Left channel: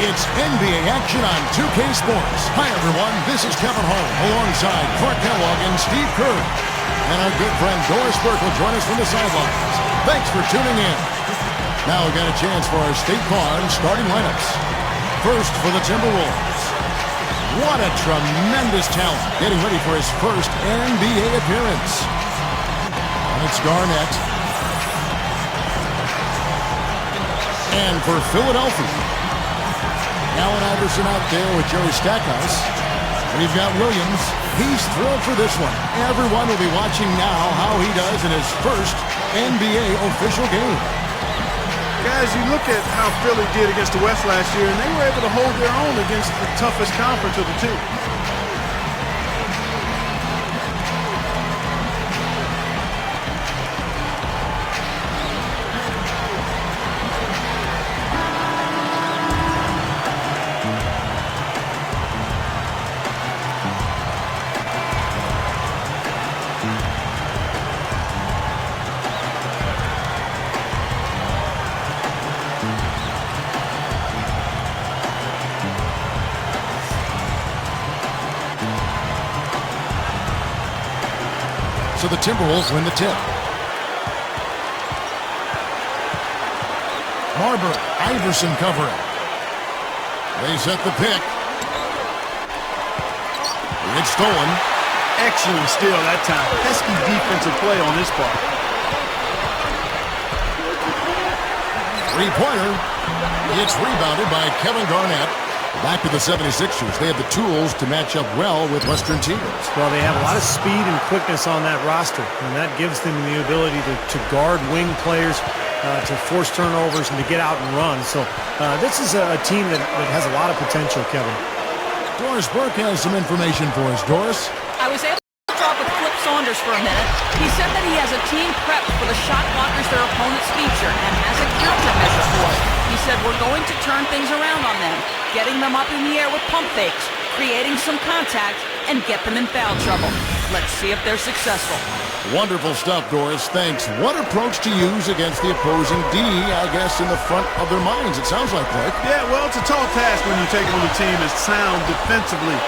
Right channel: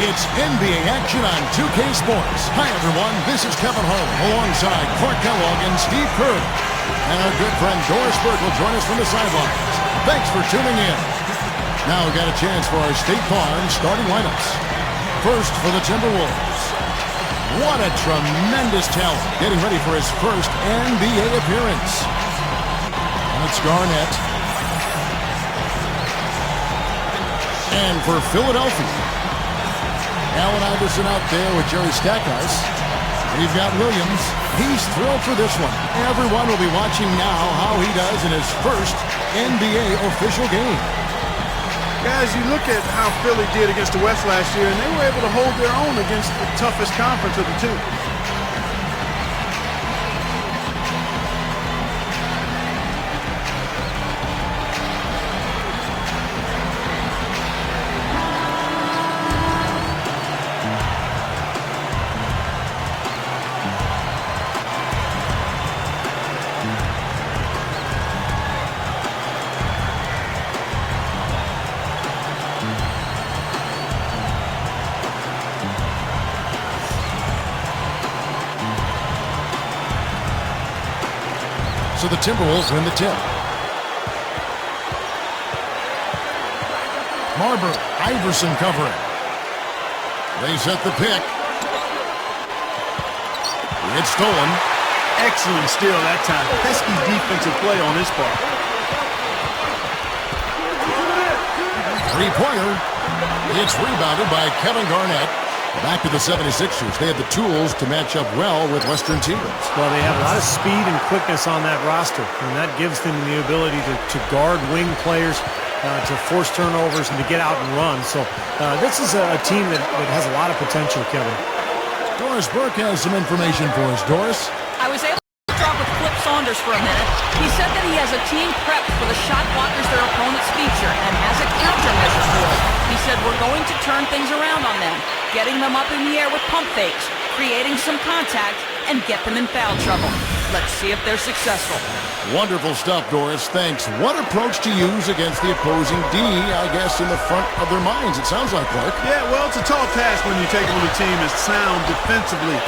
It's NBA action on 2K Sports. Hi, everyone. This is Kevin Harlan alongside Clark Kellogg and Steve Kerr. And our good friend Doris Burke will join us from the sidelines. Thanks for tuning in. Now we've got a chance for our State Farm starting lineups. First for the Timberwolves. What a tremendous talent getting ready for his first NBA appearance. And it's Garnett. And for Philadelphia, Allen Iverson out there with Jerry Stackhouse. We've got Williams. He's thrilled for this one. Everyone will be watching now how he does in his first NBA official game. Guys, you look at how Philly did against the West last year, and they were able to hold their own against the toughest conference of the two. So the Timberwolves win the tip. Marbury, Iverson covering. They set the pick. It's stolen. Excellent steal that time. Pesky defensive play on his part. Three-pointer. It's rebounded by Kevin Garnett. Back to the 76ers. They have the tools to match up well with Western teams. Well, they have a lot of speed and quickness on that roster, and that gives them the ability to guard wing players, to force turnovers, and to get out and run. So this is a team that has a lot of potential, Kevin. Doris Burke has some information for us. Doris? I was able to talk with Flip Saunders for a minute. He said that he has a team prepped for the shot blockers their opponents feature and has a countermeasure for it. He said we're going to turn things around on them, getting them up in the air with pump fakes, creating some contact, and get them in foul trouble. Let's see if they're successful. Wonderful stuff, Doris. Thanks. What approach to use against the opposing D, I guess, in the front of their minds, it sounds like, Clark. Yeah, well, it's a tall task when you take on a team as sound defensively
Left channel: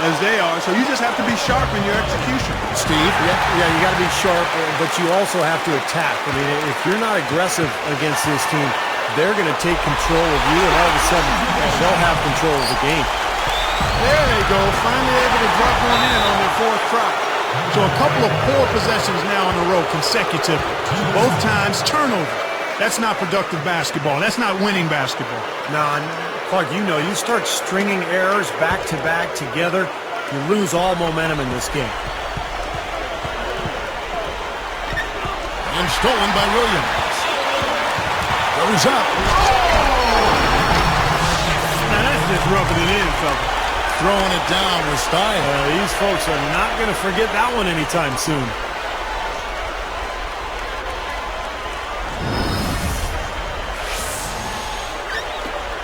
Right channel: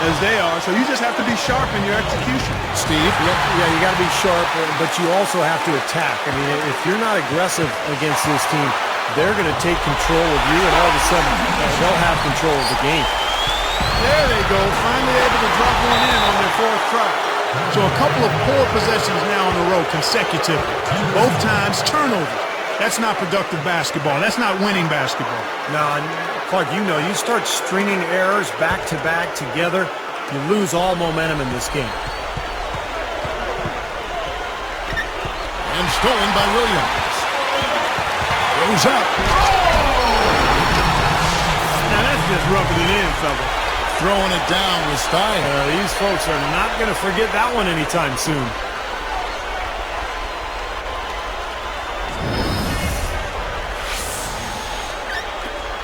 as they are, so you just have to be sharp in your execution. Steve? Yeah, you got to be sharp, but you also have to attack. I mean, if you're not aggressive against this team, they're going to take control of you, and all of a sudden, they'll have control of the game. There they go, finally able to drop one in on their fourth try. So a couple of poor possessions now in a row consecutively. Both times turnovers. That's not productive basketball. That's not winning basketball. No, Clark, you start stringing errors back-to-back together, you lose all momentum in this game. And stolen by Williams. Goes up. Now that's just rubbing it in, fella. Throwing it down with style. These folks are not going to forget that one anytime soon.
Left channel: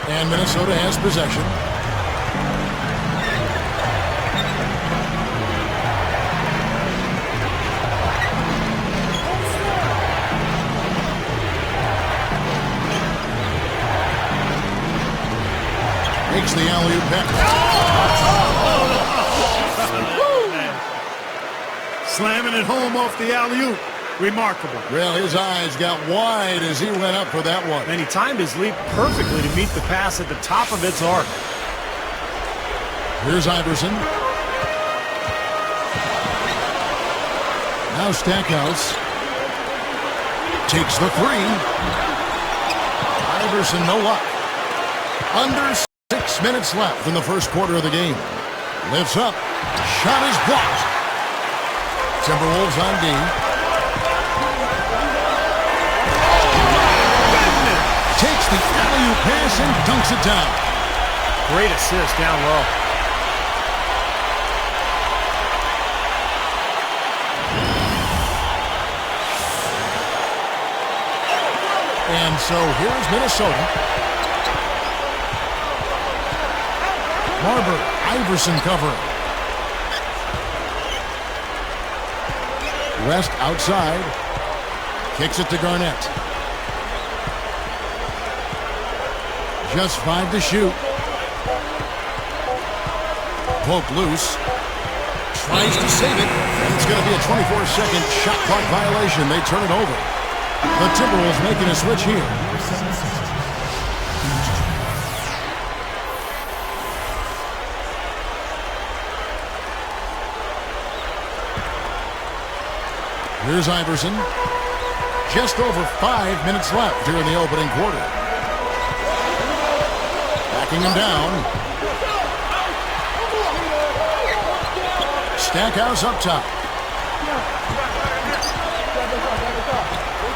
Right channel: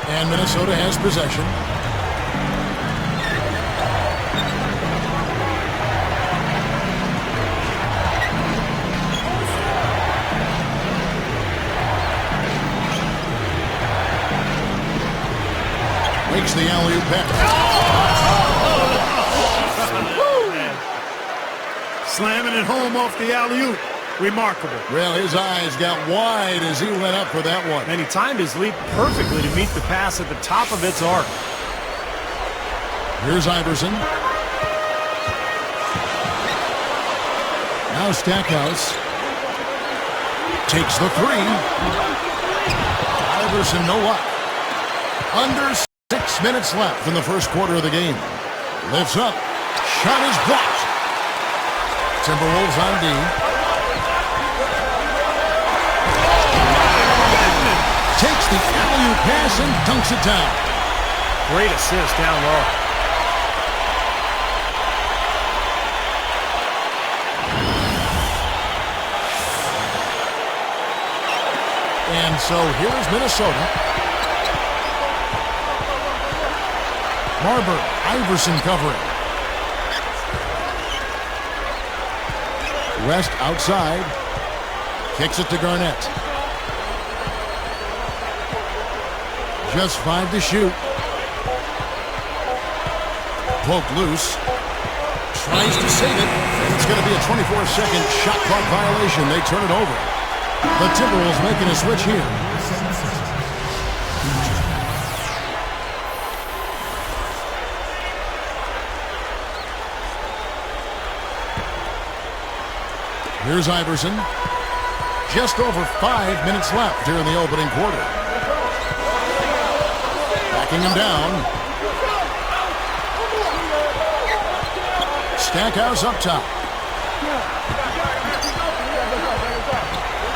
And Minnesota has possession. Makes the alley-oop pass. Slamming it home off the alley-oop. Remarkable. Well, his eyes got wide as he went up for that one. And he timed his leap perfectly to meet the pass at the top of its arc. Here's Iverson. Now Stackhouse takes the three. Iverson, no luck. Under 6 minutes left in the first quarter of the game. Lifts up. Shot is blocked. Timberwolves on D. Takes the alley-oop pass and dunks it down. Great assist down low. And so here's Minnesota. Marbury, Iverson covering. West outside. Kicks it to Garnett. Just 5 to shoot. Poke loose. Tries to save it. And it's going to be a 24-second shot clock violation. They turn it over. The Timberwolves making a switch here. Here's Iverson. Just over 5 minutes left here in the opening quarter. Backing him down. Stackhouse up top.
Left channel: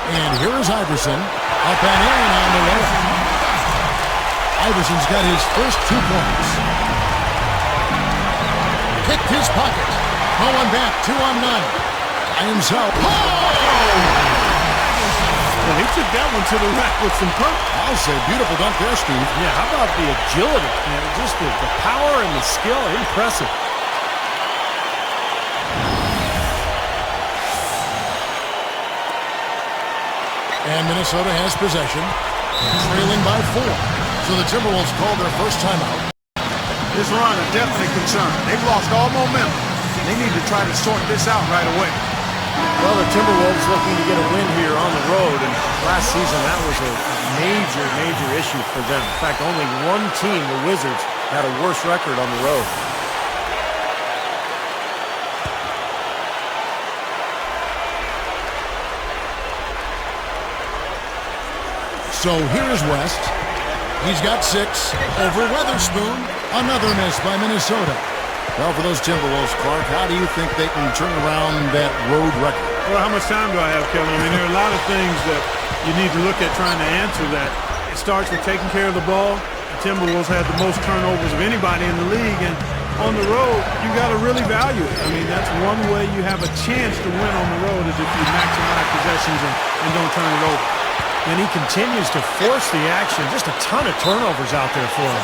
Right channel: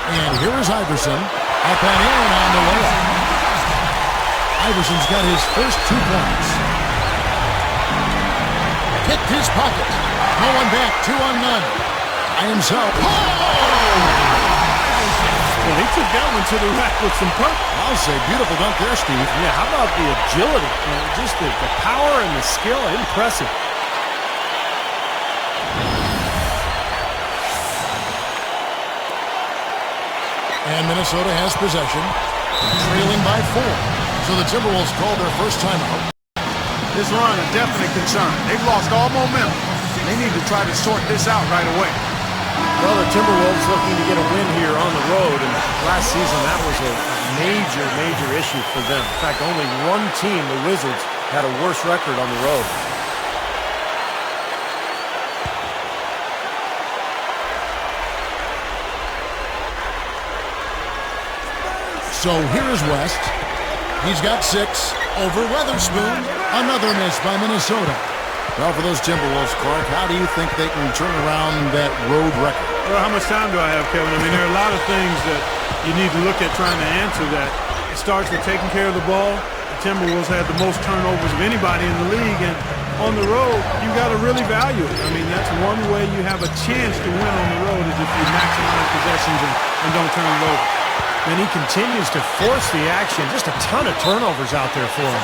And here is Iverson. Up and in on the layup. Iverson's got his first 2 points. Picked his pocket. No one back. 2 on none. By himself. Oh! Well, he took that one to the rack with some purpose. I'll say beautiful dunk there, Steve. Yeah, how about the agility? Just the power and the skill. Impressive. And Minnesota has possession, trailing by 4. So the Timberwolves called their first timeout. This run a definite concern. They've lost all momentum. They need to try to sort this out right away. Well, the Timberwolves looking to get a win here on the road, and last season that was a major issue for them. In fact, only one team, the Wizards, had a worse record on the road. So here is West. He's got 6 over Weatherspoon. Another miss by Minnesota. Well, for those Timberwolves, Clark, how do you think they can turn around that road record? Well, how much time do I have, Kevin? I mean, there are a lot of things that you need to look at trying to answer that. It starts with taking care of the ball. The Timberwolves had the most turnovers of anybody in the league, and on the road, you got to really value it. I mean, that's one way you have a chance to win on the road is if you maximize possessions and don't turn it over. And he continues to force the action. Just a ton of turnovers out there for him.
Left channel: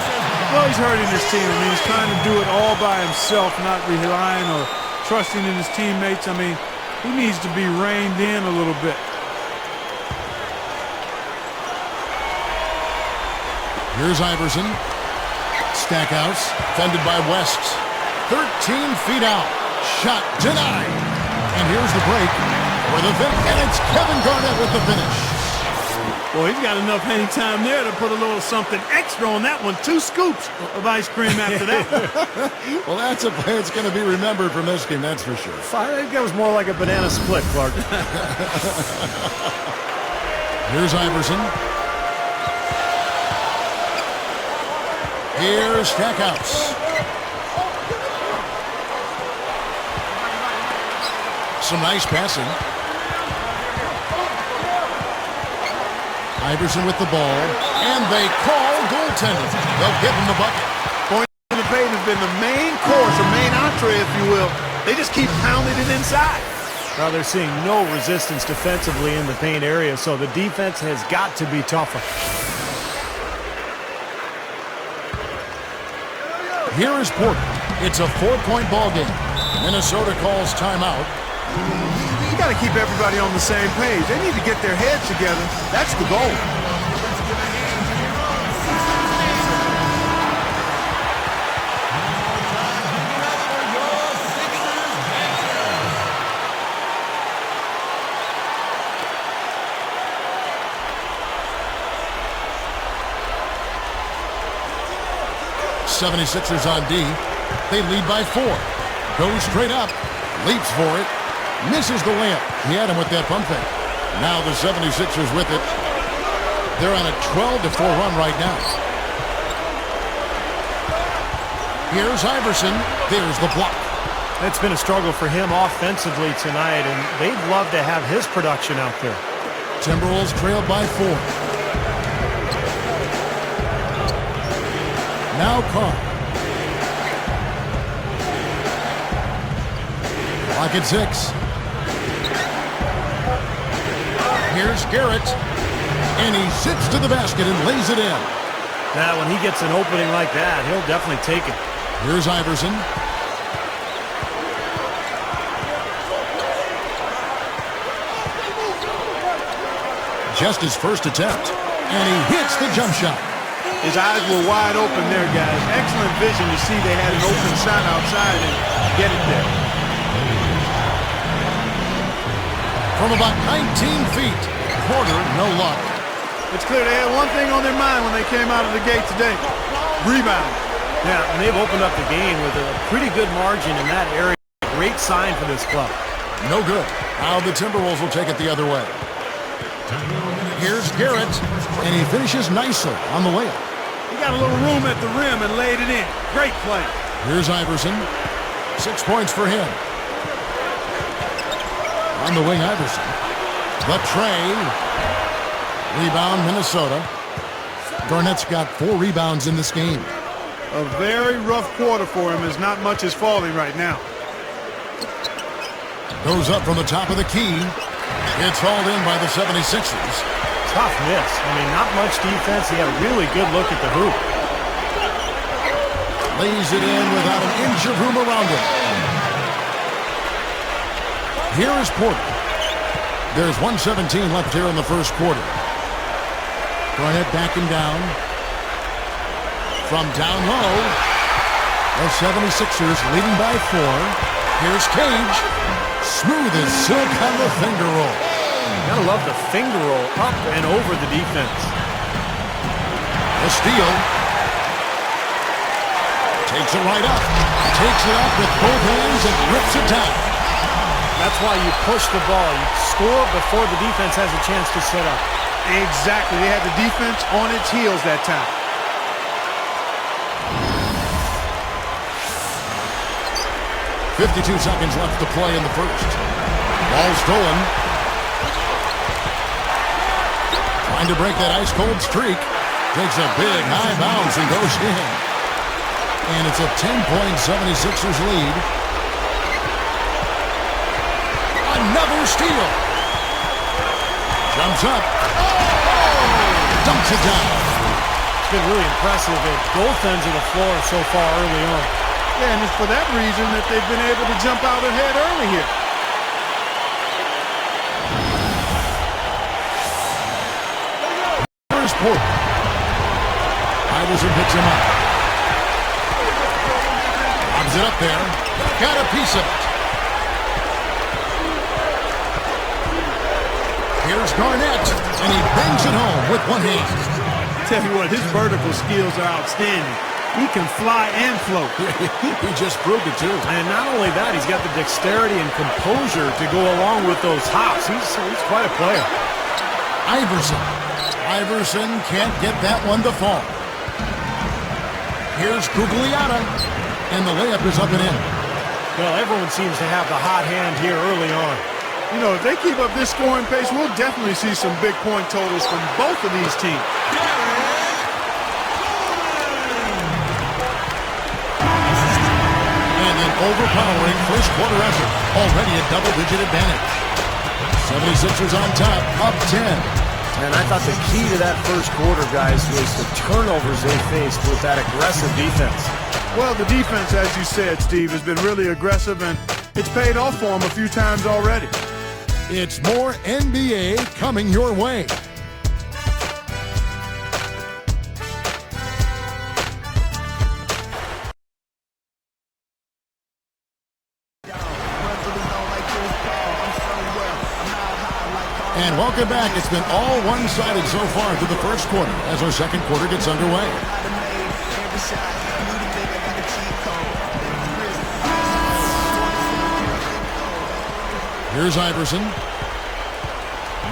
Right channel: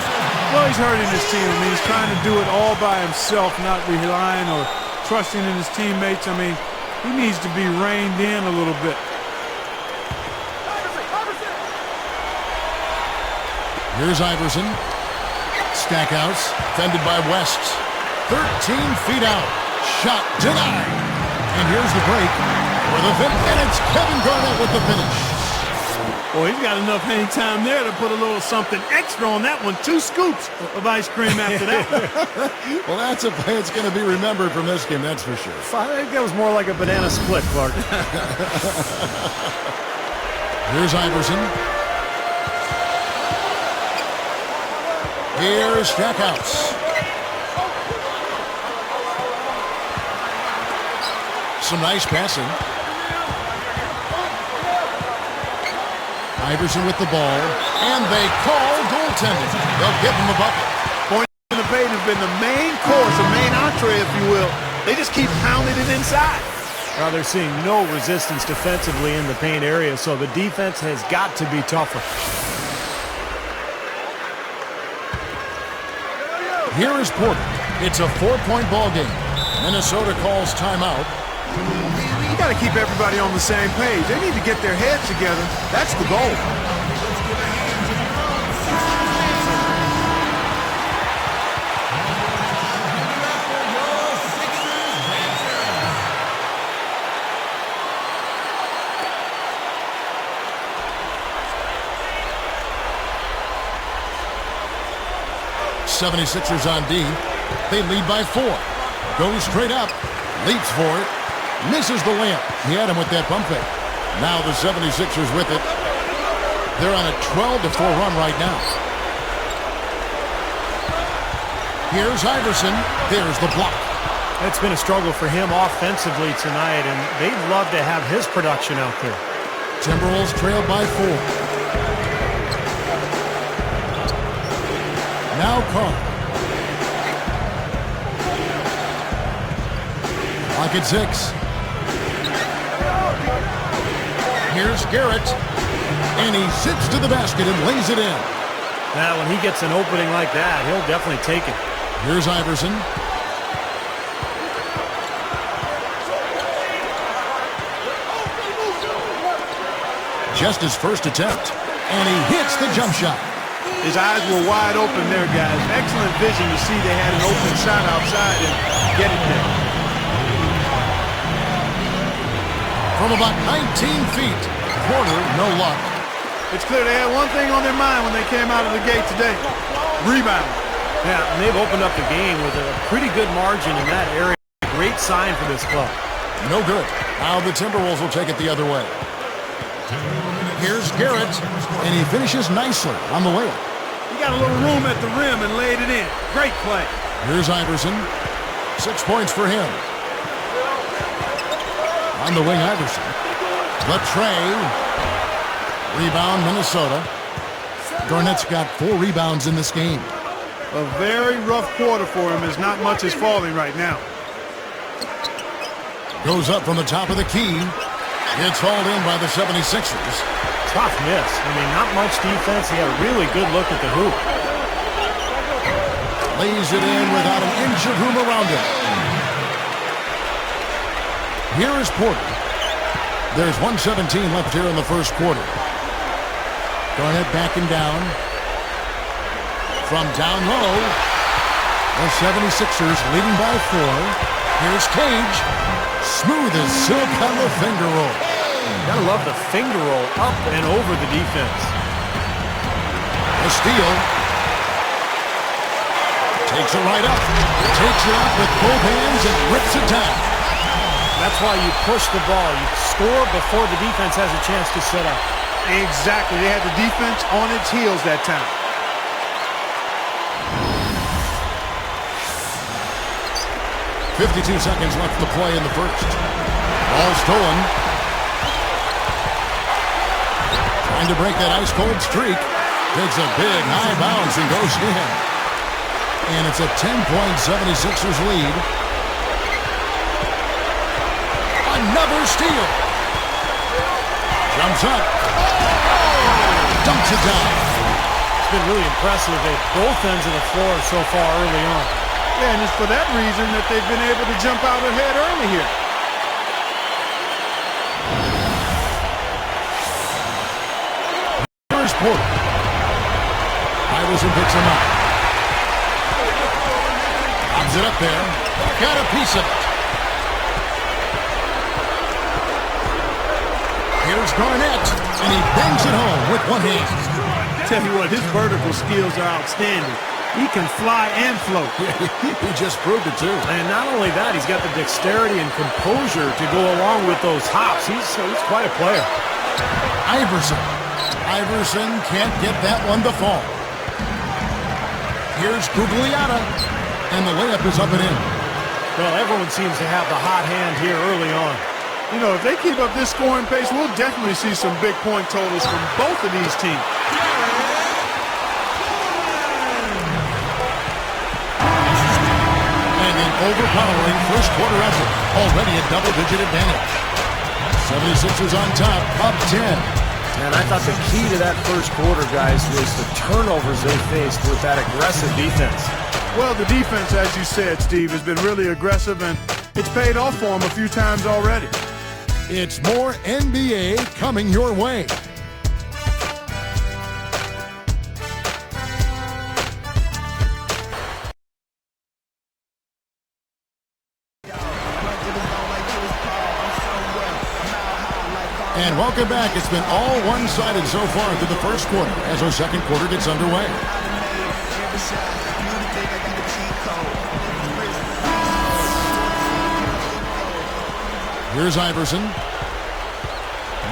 Well, he's hurting his team. I mean, he's trying to do it all by himself, not relying or trusting in his teammates. I mean, he needs to be reined in a little bit. Here's Iverson. Stackhouse, fended by West. 13 feet out. Shot denied. And here's the break for the finish. And it's Kevin Garnett with the finish. Well, he's got enough hang time there to put a little something extra on that one. 2 scoops of ice cream after that. Well, that's a play that's going to be remembered from this game, that's for sure. I think that was more like a banana split, Clark. Here's Iverson. Here's Stackhouse. Some nice passing. Iverson with the ball, and they call goaltending. They'll give him the bucket. Points in the paint have been the main course, or main entree, if you will. They just keep pounding it inside. Well, they're seeing no resistance defensively in the paint area, so the defense has got to be tougher. Here is Porter. It's a 4-point ball game. Minnesota calls timeout. You got to keep everybody on the same page. They need to get their heads together. That's the goal. Let's give a hand to your own Sixers dancer. One more time, give it up for your Sixers dancers. 76ers on D. They lead by 4. Goes straight up. Leaps for it. Misses the layup. He had him with that pump fake. Now the 76ers with it. They're on a 12-4 run right now. Here's Iverson. There's the block. It's been a struggle for him offensively tonight, and they'd love to have his production out there. Timberwolves trailed by 4. Now Carr. Clock at 6. Here's Garrett. And he zips to the basket and lays it in. Now, when he gets an opening like that, he'll definitely take it. Here's Iverson. Just his first attempt. And he hits the jump shot. His eyes were wide open there, guys. Excellent vision to see they had an open shot outside and get it there. From about 19 feet, Porter, no luck. It's clear they had one thing on their mind when they came out of the gate today. Rebound. Yeah, and they've opened up the game with a pretty good margin in that area. Great sign for this club. No good. Now the Timberwolves will take it the other way. Here's Garrett, and he finishes nicely on the layup. He got a little room at the rim and laid it in. Great play. Here's Iverson. 6 points for him. On the wing, Iverson. The tray. Rebound, Minnesota. Garnett's got 4 rebounds in this game. A very rough quarter for him as not much is falling right now. Goes up from the top of the key. It's hauled in by the 76ers. Tough miss. I mean, not much defense. He had a really good look at the hoop. Lays it in without an inch of room around him. Here is Porter. There's 1:17 left here in the first quarter. Garnett backing down. From down low, the 76ers leading by 4. Here's Cage. Smooth as silk on the finger roll. Gotta love the finger roll up and over the defense. The steal. Takes it right up. Takes it up with both hands and rips it down. That's why you push the ball. You score before the defense has a chance to set up. Exactly. They had the defense on its heels that time. .52 seconds left to play in the first. Ball stolen. Trying to break that ice-cold streak. Takes a big high bounce and goes in. And it's a 10-point 76ers lead. Another steal. Jumps up. Oh! Dumps it down. It's been really impressive at both ends of the floor so far early on. Yeah, and it's for that reason that they've been able to jump out ahead early here. Here's Porter. Iverson picks him up. Lobs it up there. Got a piece of it. Here's Garnett, and he bangs it home with one hand. Tell you what, his vertical skills are outstanding. He can fly and float. He just proved it, too. And not only that, he's got the dexterity and composure to go along with those hops. He's quite a player. Iverson. Iverson can't get that one to fall. Here's Gugliotta, and the layup is up and in. Well, everyone seems to have the hot hand here early on. You know, if they keep up this scoring pace, we'll definitely see some big point totals from both of these teams. And an overpowering first quarter effort. Already a double-digit advantage. 76ers on top, up 10. And I thought the key to that first quarter, guys, was the turnovers they faced with that aggressive defense. Well, the defense, as you said, Steve, has been really aggressive, and it's paid off for them a few times already. It's more NBA coming your way. And welcome back. It's been all one-sided so far through the first quarter as our second quarter gets underway. Here's Iverson.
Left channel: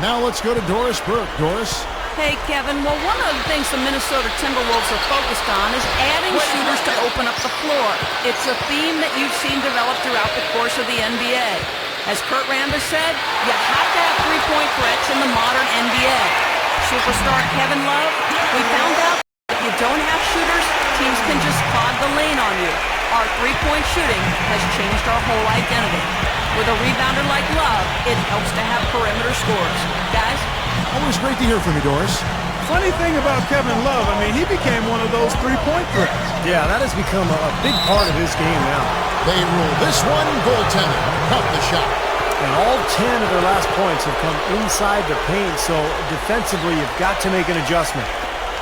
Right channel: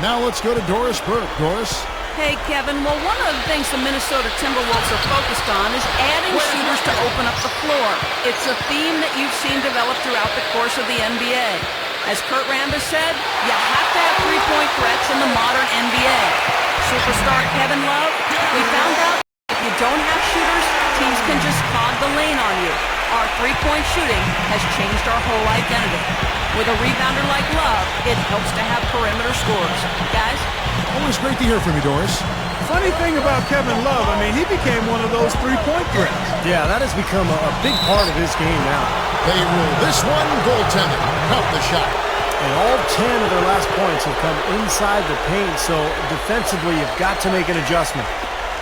Now let's go to Doris Burke. Doris? Hey, Kevin. Well, one of the things the Minnesota Timberwolves are focused on is adding shooters to open up the floor. It's a theme that you've seen develop throughout the course of the NBA. As Kurt Rambis said, you have to have three-point threats in the modern NBA. Superstar Kevin Love, we found out if you don't have shooters, teams can just clog the lane on you. Our three-point shooting has changed our whole identity. With a rebounder like Love, it helps to have perimeter scores. Guys? Always great to hear from you, Doris. Funny thing about Kevin Love, I mean, he became one of those three-point threats. Yeah, that has become a big part of his game now. They rule this one, goaltending. Count the shot. And all 10 of their last points have come inside the paint, so defensively you've got to make an adjustment.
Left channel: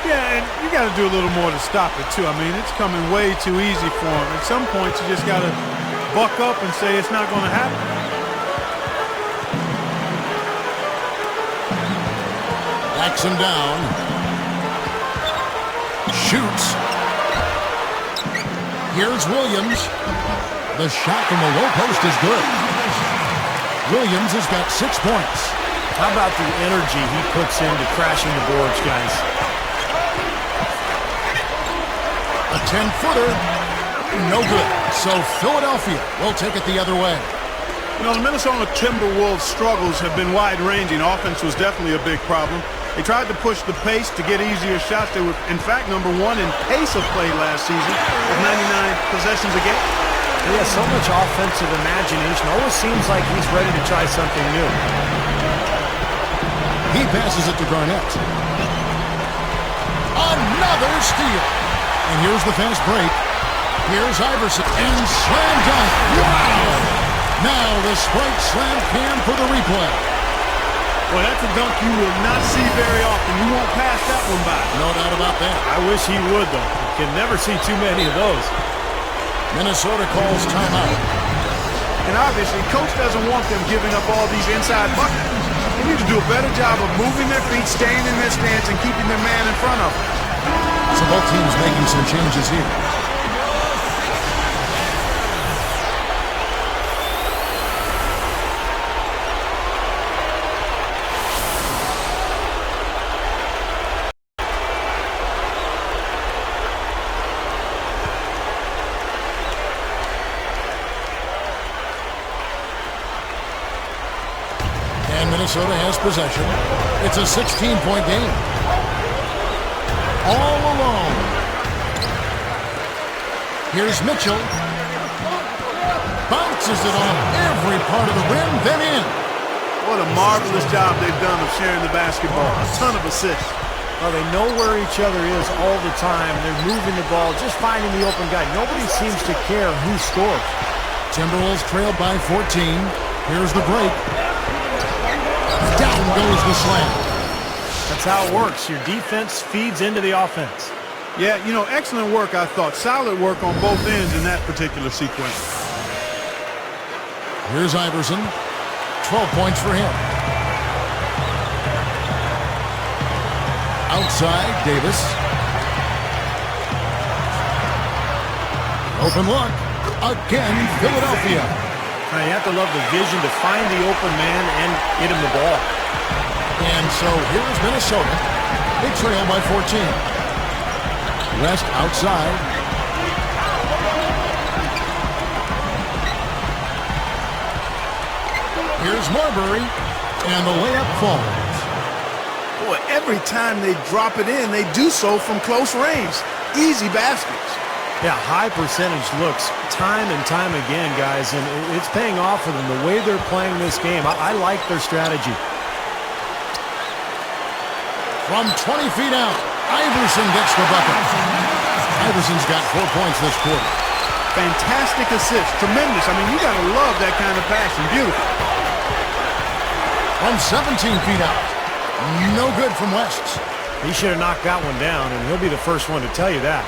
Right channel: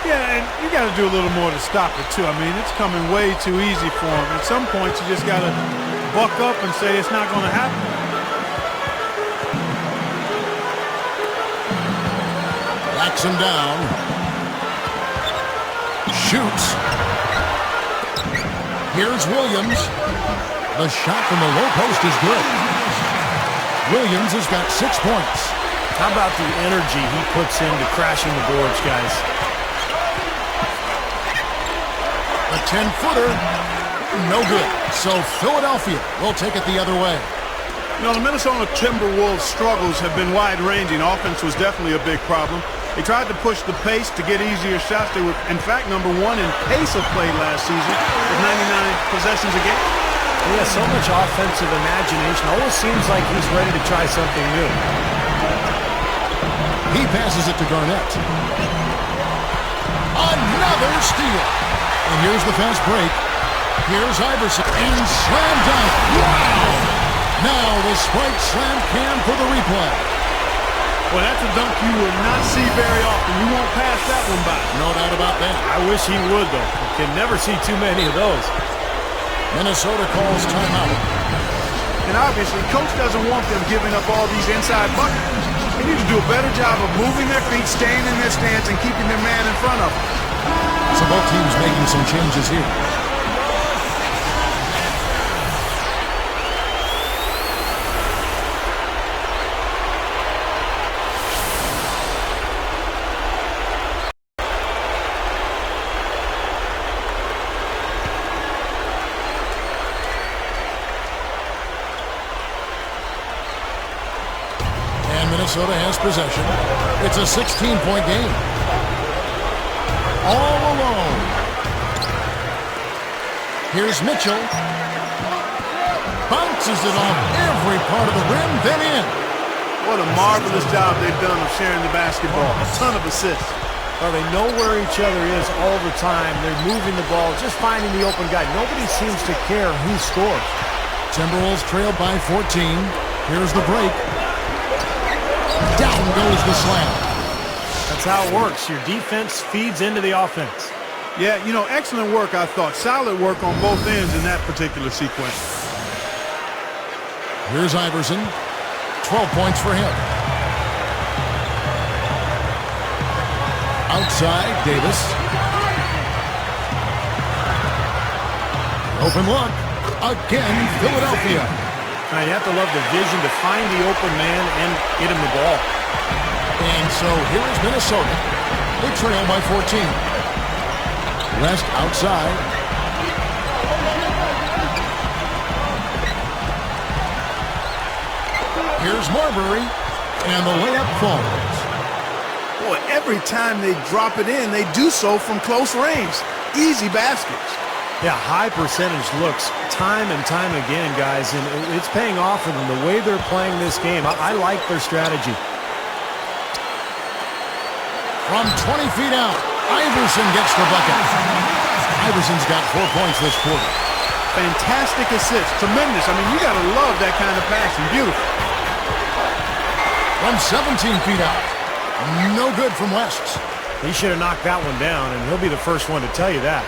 Yeah, and you got to do a little more to stop it, too. I mean, it's coming way too easy for him. At some point, you just got to buck up and say it's not going to happen. Backs him down. Shoots. Here's Williams. The shot from the low post is good. Williams has got 6 points. How about the energy he puts into crashing the boards, guys? A 10-footer, no good. So Philadelphia will take it the other way. You know, the Minnesota Timberwolves' struggles have been wide-ranging. Offense was definitely a big problem. They tried to push the pace to get easier shots. They were, in fact, #1 in pace of play last season with 99 possessions a game. He has so much offensive imagination. Always seems like he's ready to try something new. He passes it to Garnett. Another steal. And here's the fast break. Here's Iverson. And slam dunk. Wow! Now the Sprite slam cam for the replay. Well, that's a dunk you will not see very often. You won't pass that one by. No doubt about that. I wish he would, though. You can never see too many of those. Minnesota calls timeout. And obviously, coach doesn't want them giving up all these inside buckets. They need to do a better job of moving their feet, staying in their stance, and keeping their man in front of them. So both teams making some changes here. And Minnesota has possession. It's a 16-point game. All alone. Here's Mitchell. Bounces it off every part of the rim, then in. What a marvelous job they've done of sharing the basketball. A ton of assists. Well, they know where each other is all the time. They're moving the ball, just finding the open guy. Nobody seems to care who scores. Timberwolves trailed by 14. Here's the break. Down goes the slam. That's how it works. Your defense feeds into the offense. Yeah, you know, excellent work, I thought. Solid work on both ends in that particular sequence. Here's Iverson. 12 points for him. Outside, Davis. Open look. Again, Philadelphia. Now, you have to love the vision to find the open man and get him the ball. And so here is Minnesota. They trail by 14. Rest outside. Here's Marbury. And the layup falls. Boy, every time they drop it in, they do so from close range. Easy baskets. Yeah, high percentage looks time and time again, guys, and it's paying off for them the way they're playing this game. I like their strategy. From 20 feet out, Iverson gets the bucket. Iverson's got 4 points this quarter. Fantastic assist. Tremendous. I mean, you got to love that kind of passing. Beautiful. From 17 feet out, no good from West. He should have knocked that one down, and he'll be the first one to tell you that.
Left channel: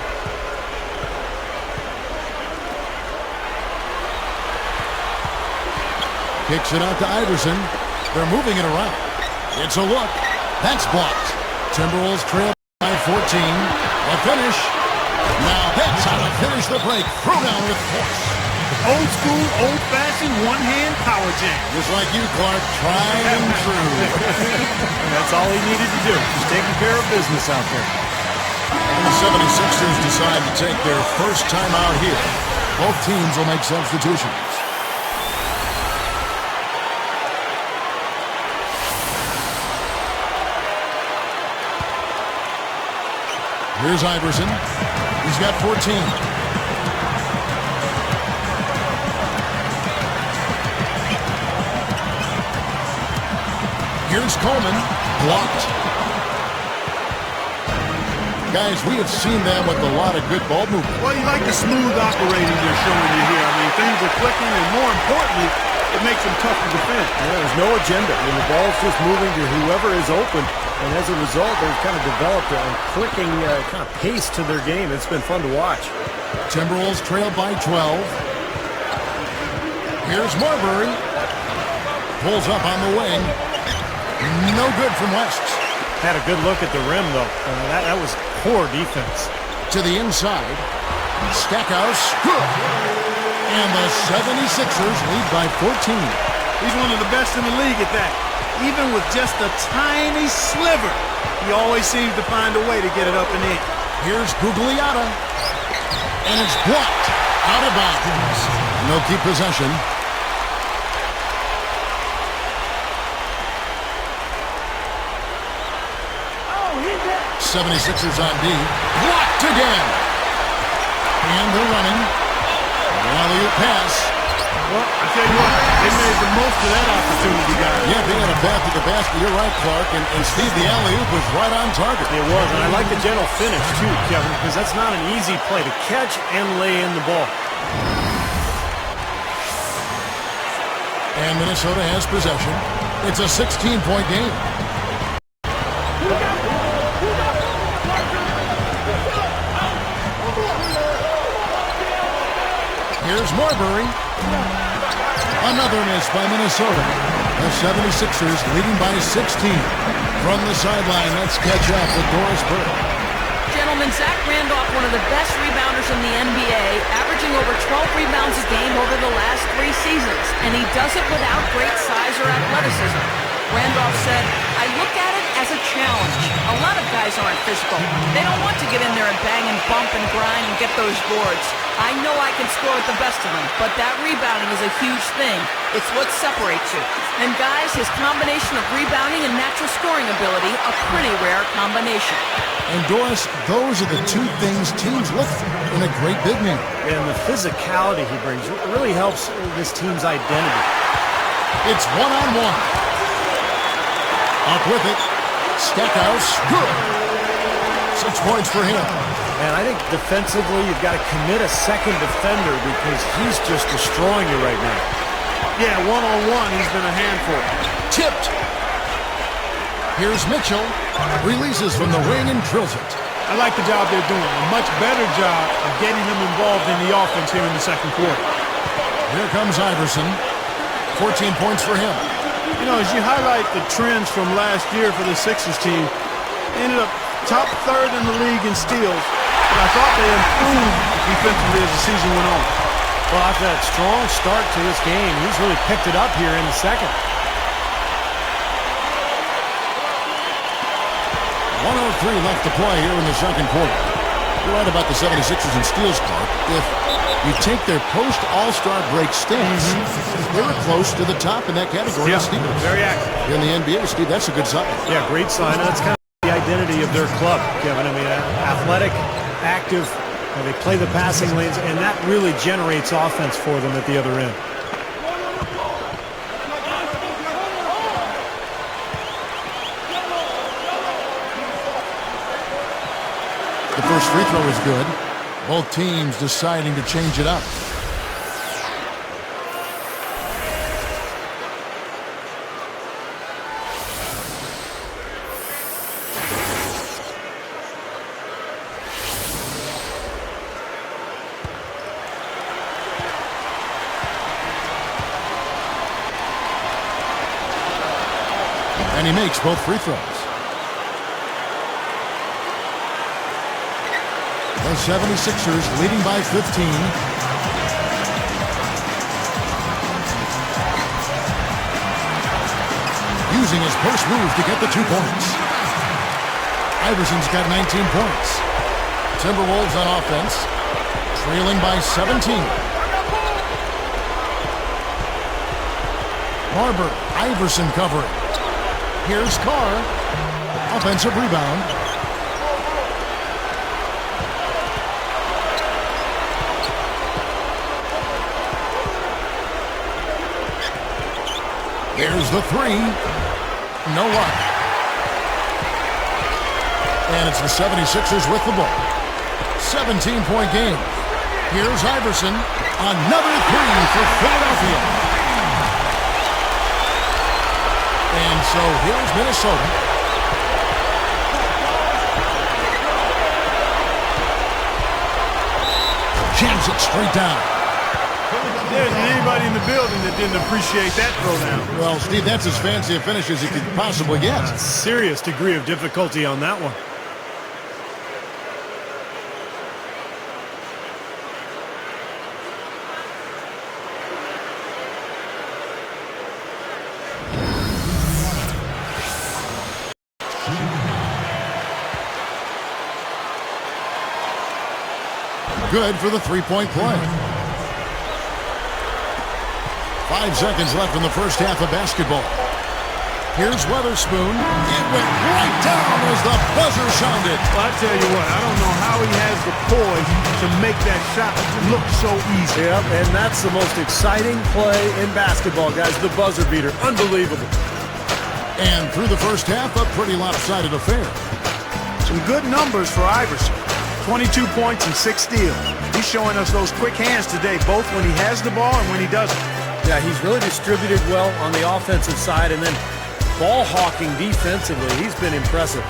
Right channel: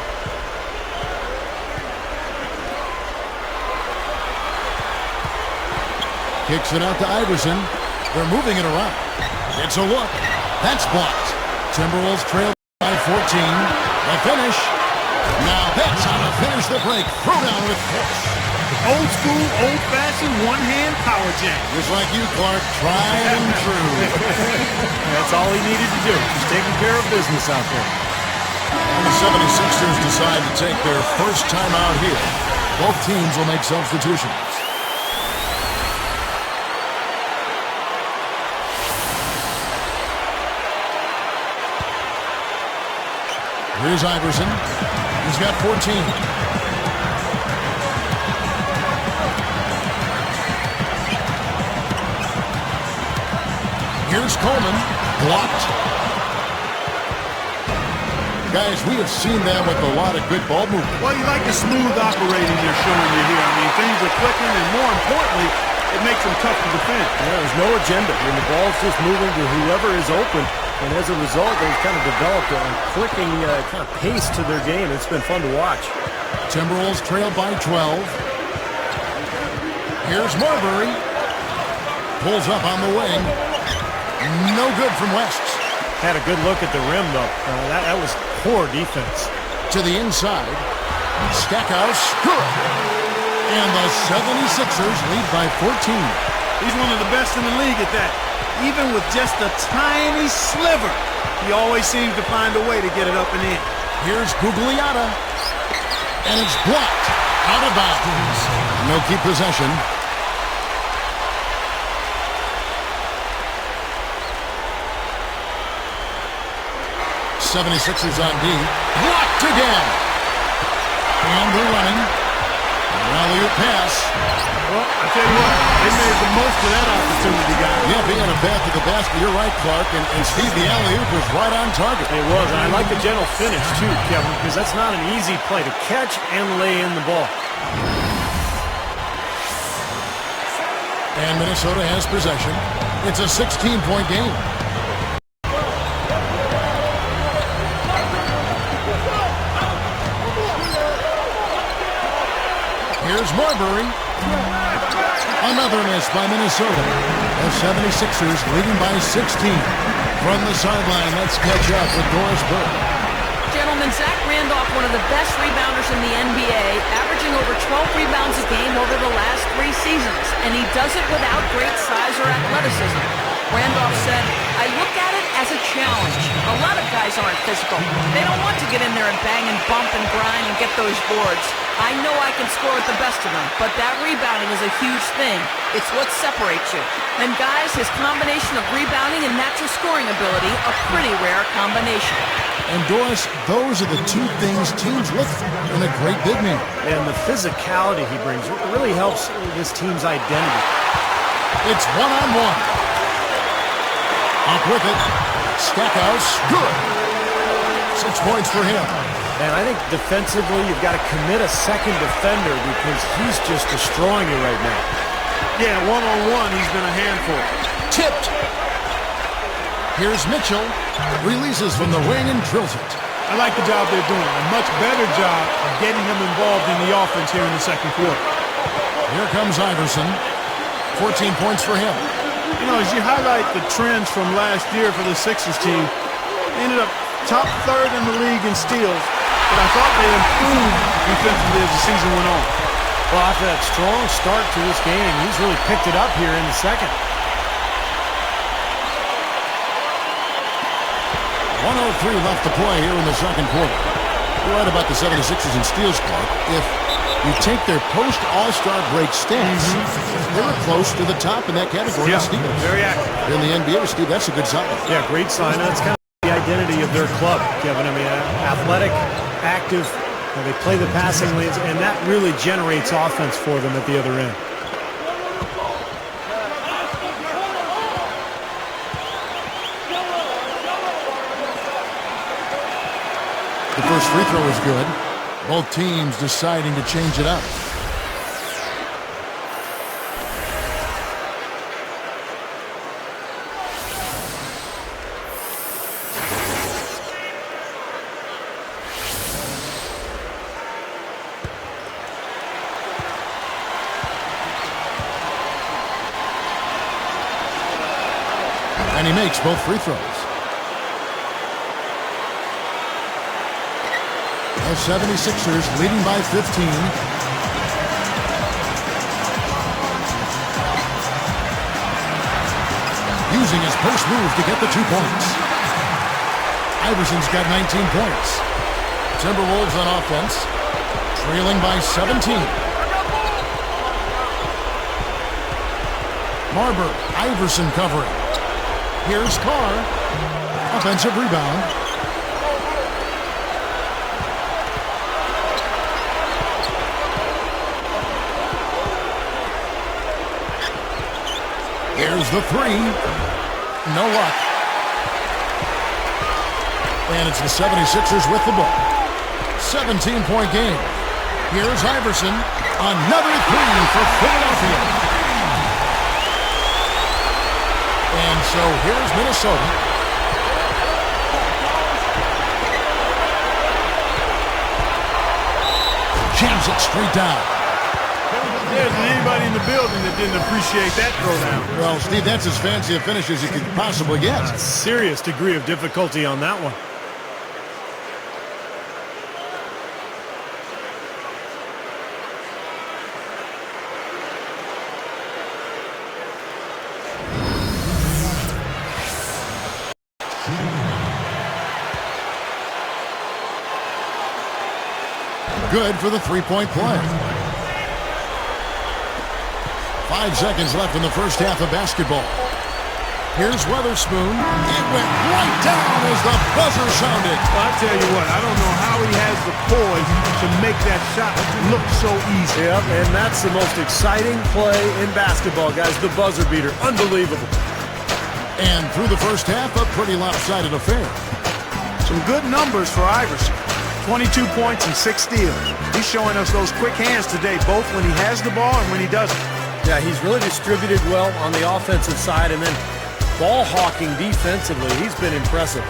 Kicks it out to Iverson. They're moving it around. It's a look. That's blocked. Timberwolves trail by 14. The finish. Now that's how to finish the break. Throw down with force. Old school, old-fashioned, one-hand power jam. Just like you, Clark. Tried and true. That's all he needed to do. Just taking care of business out there. And the 76ers decide to take their first time out here. Both teams will make substitutions. Here's Iverson. He's got 14. Here's Coleman. Blocked. Guys, we have seen them with a lot of good ball movement. Well, you like the smooth operating they're showing you here. I mean, things are clicking, and more importantly, it makes them tough to defend. Yeah, there's no agenda. I mean, the ball's just moving to whoever is open, and as a result, they've kind of developed a clicking kind of pace to their game. It's been fun to watch. Timberwolves trail by 12. Here's Marbury. Pulls up on the wing. No good from West. Had a good look at the rim, though. That was poor defense. To the inside. Stackhouse, good. And the 76ers lead by 14. He's one of the best in the league at that. Even with just a tiny sliver, he always seems to find a way to get it up and in. Here's Gugliotta. And it's blocked. Out of bounds. And they'll keep possession. '76ers on D. Blocked again. And they're running. The alley-oop pass. Well, I tell you what, they made the most of that opportunity, guys. Yeah, being on a path to the basket, you're right, Clark. And Steve, the alley-oop was right on target. It was, and I like the gentle finish, too, Kevin, because that's not an easy play to catch and lay in the ball. And Minnesota has possession. It's a 16-point game. Here's Marbury. Another miss by Minnesota. The 76ers leading by 16. From the sideline, let's catch up with Doris Burke. Gentlemen, Zach Randolph, one of the best rebounders in the NBA, averaging over 12 rebounds a game over the last 3 seasons, and he does it without great size or athleticism. Randolph said, "I look at it as a challenge. A lot of guys aren't physical. They don't want to get in there and bang and bump and grind and get those boards. I know I can score with the best of them, but that rebounding is a huge thing. It's what separates you. And guys, his combination of rebounding and natural scoring ability, a pretty rare combination." And Doris, those are the two things teams look for in a great big man. And the physicality he brings really helps this team's identity. It's one-on-one. Up with it. Stackhouse, good. 6 points for him. And I think defensively, you've got to commit a second defender because he's just destroying you right now. Yeah, one-on-one, he's been a handful. Tipped. Here's Mitchell. Releases from the wing and drills it. I like the job they're doing. A much better job of getting him involved in the offense here in the second quarter. Here comes Iverson. 14 points for him. You know, as you highlight the trends from last year for the Sixers team, they ended up top third in the league in steals, but I thought they improved defensively as the season went on. Well, after that strong start to this game, he's really picked it up here in the second. 1:03 left to play here in the second quarter. You're right about the 76ers and steals, Clark. If you take their post-All-Star break stats, they were close to the top in that category of steals. Very active. In the NBA, Steve, that's a good sign. Yeah, great sign. That's kind of the identity of their club, Kevin. I mean, athletic, active, they play the passing lanes, and that really generates offense for them at the other end. The first free throw is good. Both teams deciding to change it up. And he makes both free throws. The 76ers leading by 15. Using his post move to get the 2 points. Iverson's got 19 points. Timberwolves on offense, trailing by 17. Marbury, Iverson covering. Here's Carr. Offensive rebound. Here's the three. No luck. And it's the 76ers with the ball. 17-point game. Here's Iverson. Another three for Philadelphia. And so here's Minnesota. Jams it straight down. There isn't anybody in the building that didn't appreciate that throwdown. Well, Steve, that's as fancy a finish as you could possibly get. A serious degree of difficulty on that one. Good for the three-point play. 5 seconds left in the first half of basketball. Here's Weatherspoon. It went right down as the buzzer sounded. Well, I tell you what, I don't know how he has the poise to make that shot look so easy. Yep, and that's the most exciting play in basketball, guys. The buzzer beater. Unbelievable. And through the first half, a pretty lopsided affair. Some good numbers for Iverson. 22 points and 6 steals. He's showing us those quick hands today, both when he has the ball and when he doesn't. Yeah, he's really distributed well on the offensive side, and then ball hawking defensively. He's been impressive.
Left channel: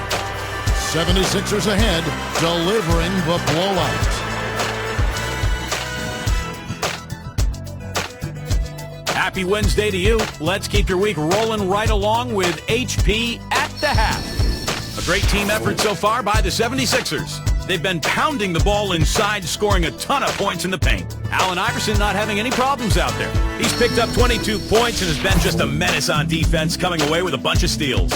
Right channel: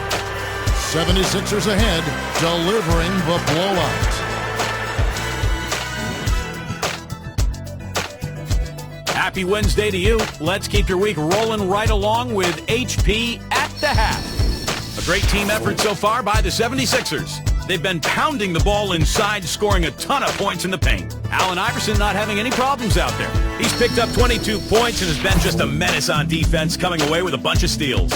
76ers ahead, delivering the blowout. Happy Wednesday to you. Let's keep your week rolling right along with HP at the half. A great team effort so far by the 76ers. They've been pounding the ball inside, scoring a ton of points in the paint. Allen Iverson not having any problems out there. He's picked up 22 points and has been just a menace on defense, coming away with a bunch of steals.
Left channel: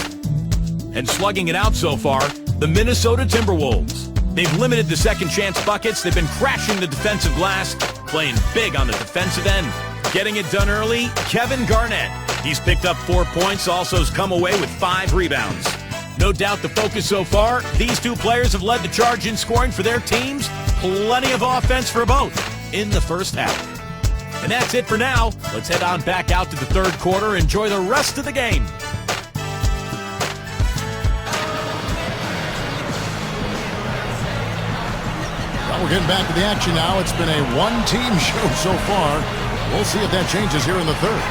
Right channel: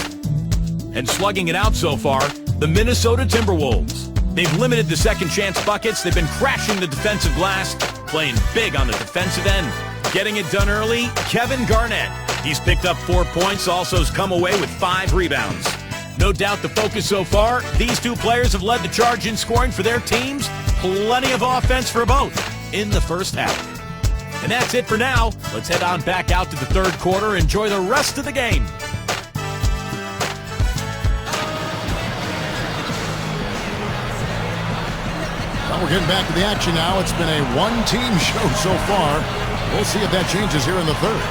And slugging it out so far, the Minnesota Timberwolves. They've limited the second chance buckets. They've been crashing the defensive glass, playing big on the defensive end. Getting it done early, Kevin Garnett. He's picked up 4 points, also has come away with 5 rebounds. No doubt the focus so far, these two players have led the charge in scoring for their teams. Plenty of offense for both in the first half. And that's it for now. Let's head on back out to the third quarter. Enjoy the rest of the game. Well, we're getting back to the action now. It's been a one-team show so far. We'll see if that changes here in the third.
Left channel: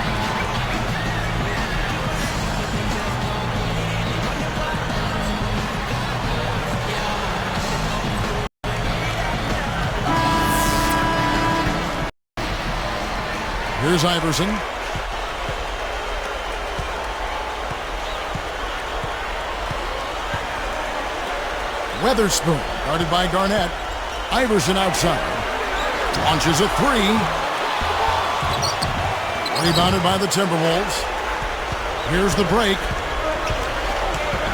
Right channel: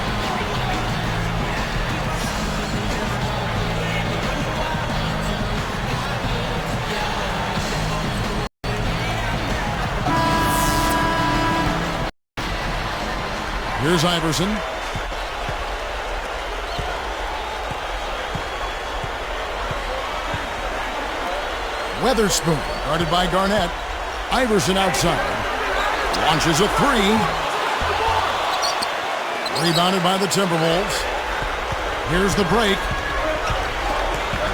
Here's Iverson. Weatherspoon, guarded by Garnett. Iverson outside. Launches a three. Rebounded by the Timberwolves. Here's the break.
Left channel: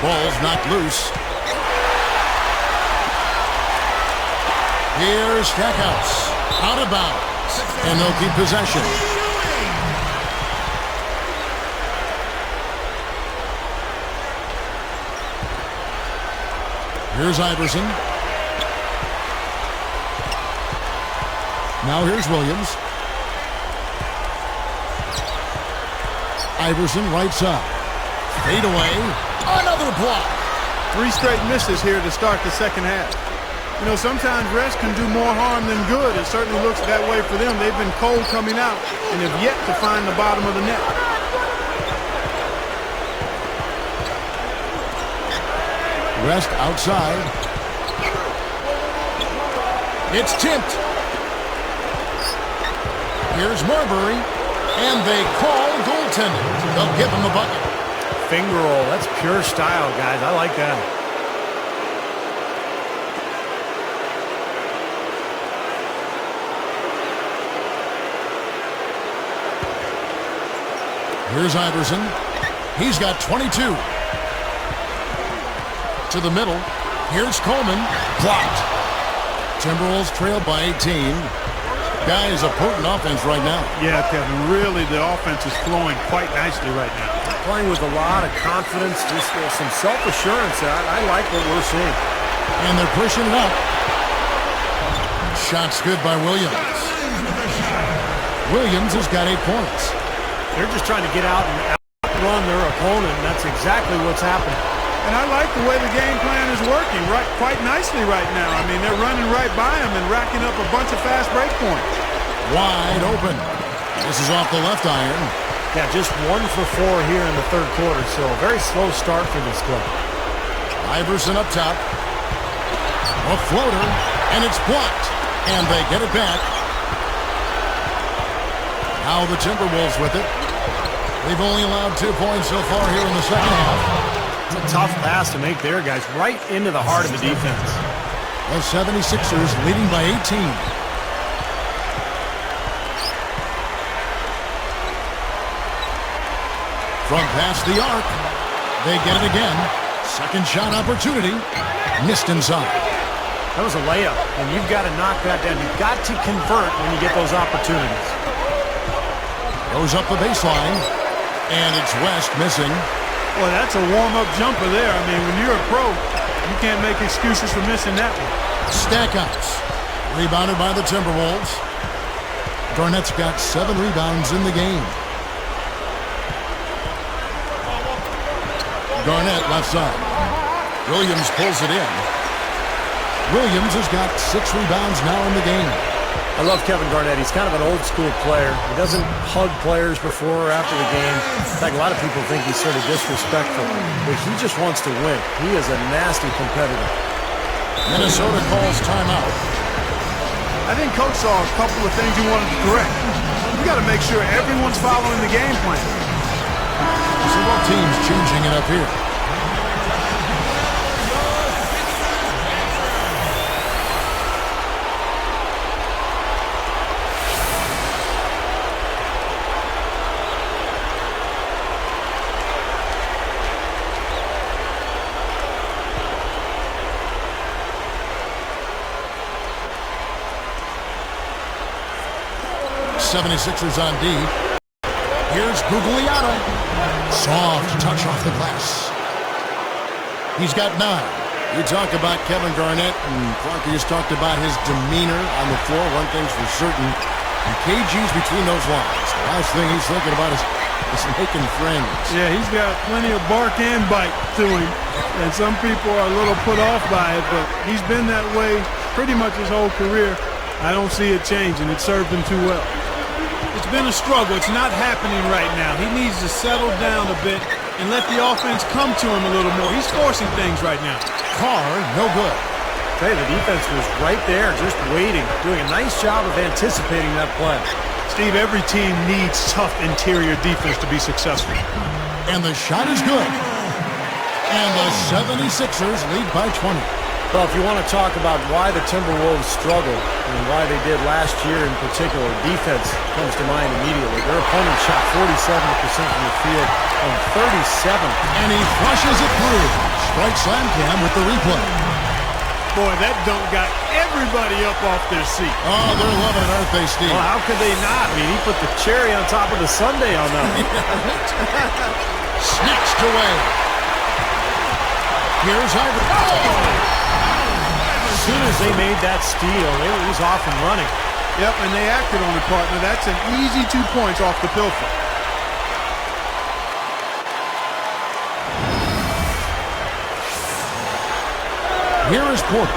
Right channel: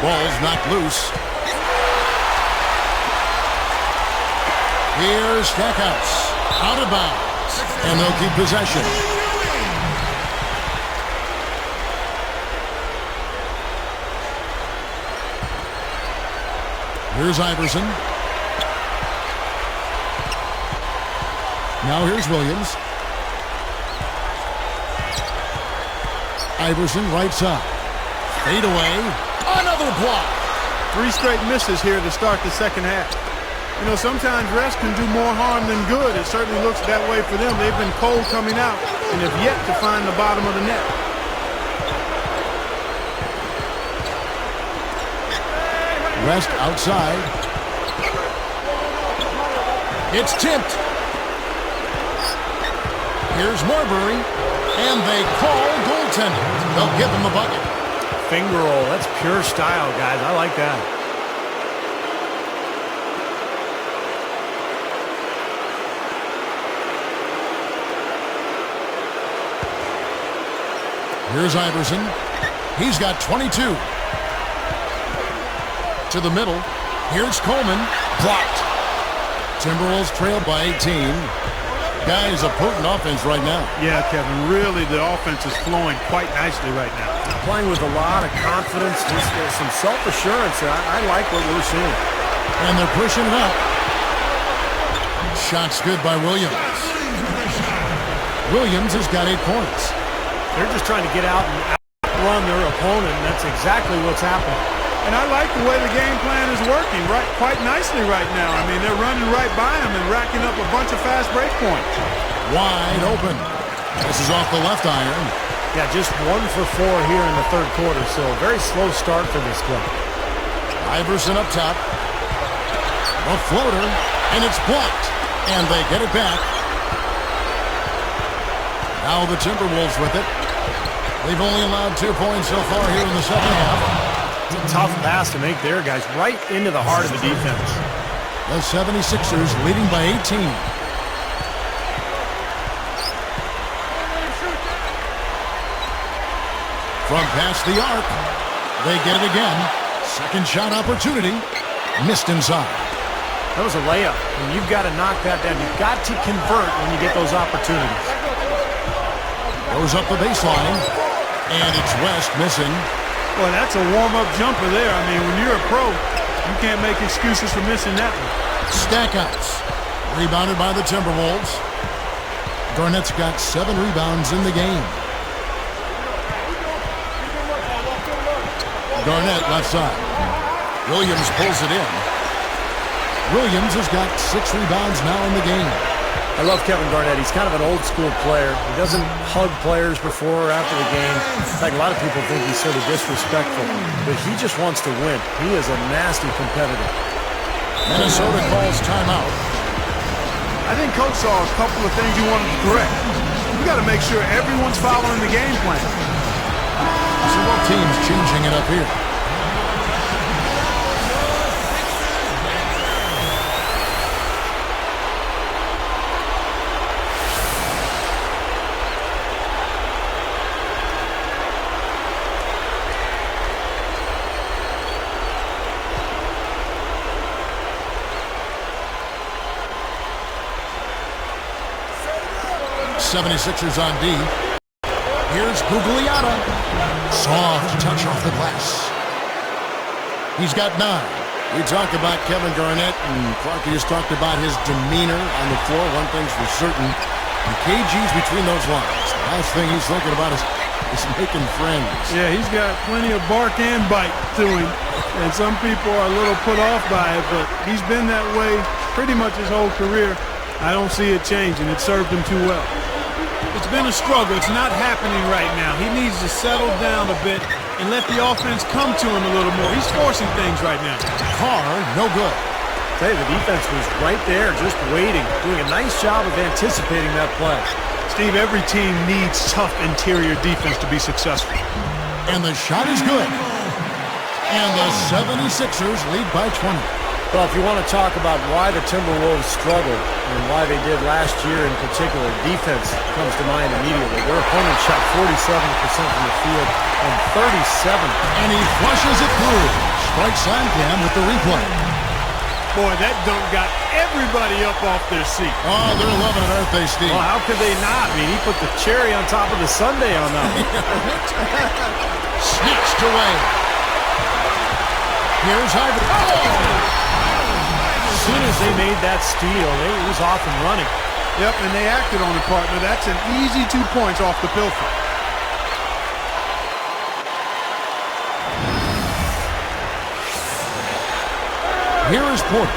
Ball's knocked loose. Here's Stackhouse. Out of bounds. And they'll keep possession. Here's Iverson. Now here's Williams. Iverson right side. Fade away. Another block. 3 straight misses here to start the second half. You know, sometimes rest can do more harm than good. It certainly looks that way for them. They've been cold coming out and have yet to find the bottom of the net. West outside. It's tipped. Here's Marbury. And they call goaltending. They'll give him the bucket. Finger roll. That's pure style, guys. I like that. Here's Iverson. He's got 22. To the middle. Here's Coleman. Blocked. Timberwolves trailed by 18. Guys, a potent offense right now. Yeah, Kevin, really the offense is flowing quite nicely right now. Playing with a lot of confidence, just some self-assurance. I like what we're seeing. And they're pushing it up. Shot's good by Williams. Williams has got 8 points. They're just trying to get out and outrun their opponent, and that's exactly what's happening. And I like the way the game plan is working quite nicely right now. I mean, they're running right by him and racking up a bunch of fast break points. Wide open. This is off the left iron. Yeah, just 1 for 4 here in the third quarter, so a very slow start for this club. Iverson up top. A floater, and it's blocked. And they get it back. Now the Timberwolves with it. They've only allowed 2 points so far here in the second half. It's a tough pass to make there, guys, right into the heart of the defense. The 76ers leading by 18. From past the arc, they get it again. Second shot opportunity, missed inside. That was a layup, and you've got to knock that down. You've got to convert when you get those opportunities. Goes up the baseline, and it's West missing. Boy, that's a warm-up jumper there. I mean, when you're a pro, you can't make excuses for missing that one. Stackouts, rebounded by the Timberwolves. Garnett's got 7 rebounds in the game. Garnett left side. Williams pulls it in. Williams has got 6 rebounds now in the game. I love Kevin Garnett. He's kind of an old-school player. He doesn't hug players before or after the game. In fact, a lot of people think he's sort of disrespectful, but he just wants to win. He is a nasty competitor. Minnesota calls timeout. I think Coach saw a couple of things he wanted to correct. We got to make sure everyone's following the game plan. So both teams changing it up here. '76ers on D. Here's Gugliotta. Soft touch off the glass. He's got 9. You talk about Kevin Garnett, and Clark, you just talked about his demeanor on the floor. One thing's for certain, and KG's between those lines. The last thing he's thinking about is making friends. Yeah, he's got plenty of bark and bite to him, and some people are a little put off by it, but he's been that way pretty much his whole career. I don't see it changing. It served him too well. It's been a struggle. It's not happening right now. He needs to settle down a bit and let the offense come to him a little more. He's forcing things right now. Carr, no good. I tell you, the defense was right there, just waiting, doing a nice job of anticipating that play. Steve, every team needs tough interior defense to be successful. And the shot is good. And the 76ers lead by 20. Well, if you want to talk about why the Timberwolves struggled and why they did last year in particular, defense comes to mind immediately. Their opponent shot 47% from the field and 37. And he flushes it through. Strike slam cam with the replay. Boy, that dunk got everybody up off their seat. Oh, they're loving it, aren't they, Steve? Well, how could they not? I mean, he put the cherry on top of the sundae on that one. Snatched away. Here's Iverson. Oh! As soon as they made that steal, it was off and running. Yep, and they acted on it, partner. That's an easy 2 points off the pilfer. Here is Porter.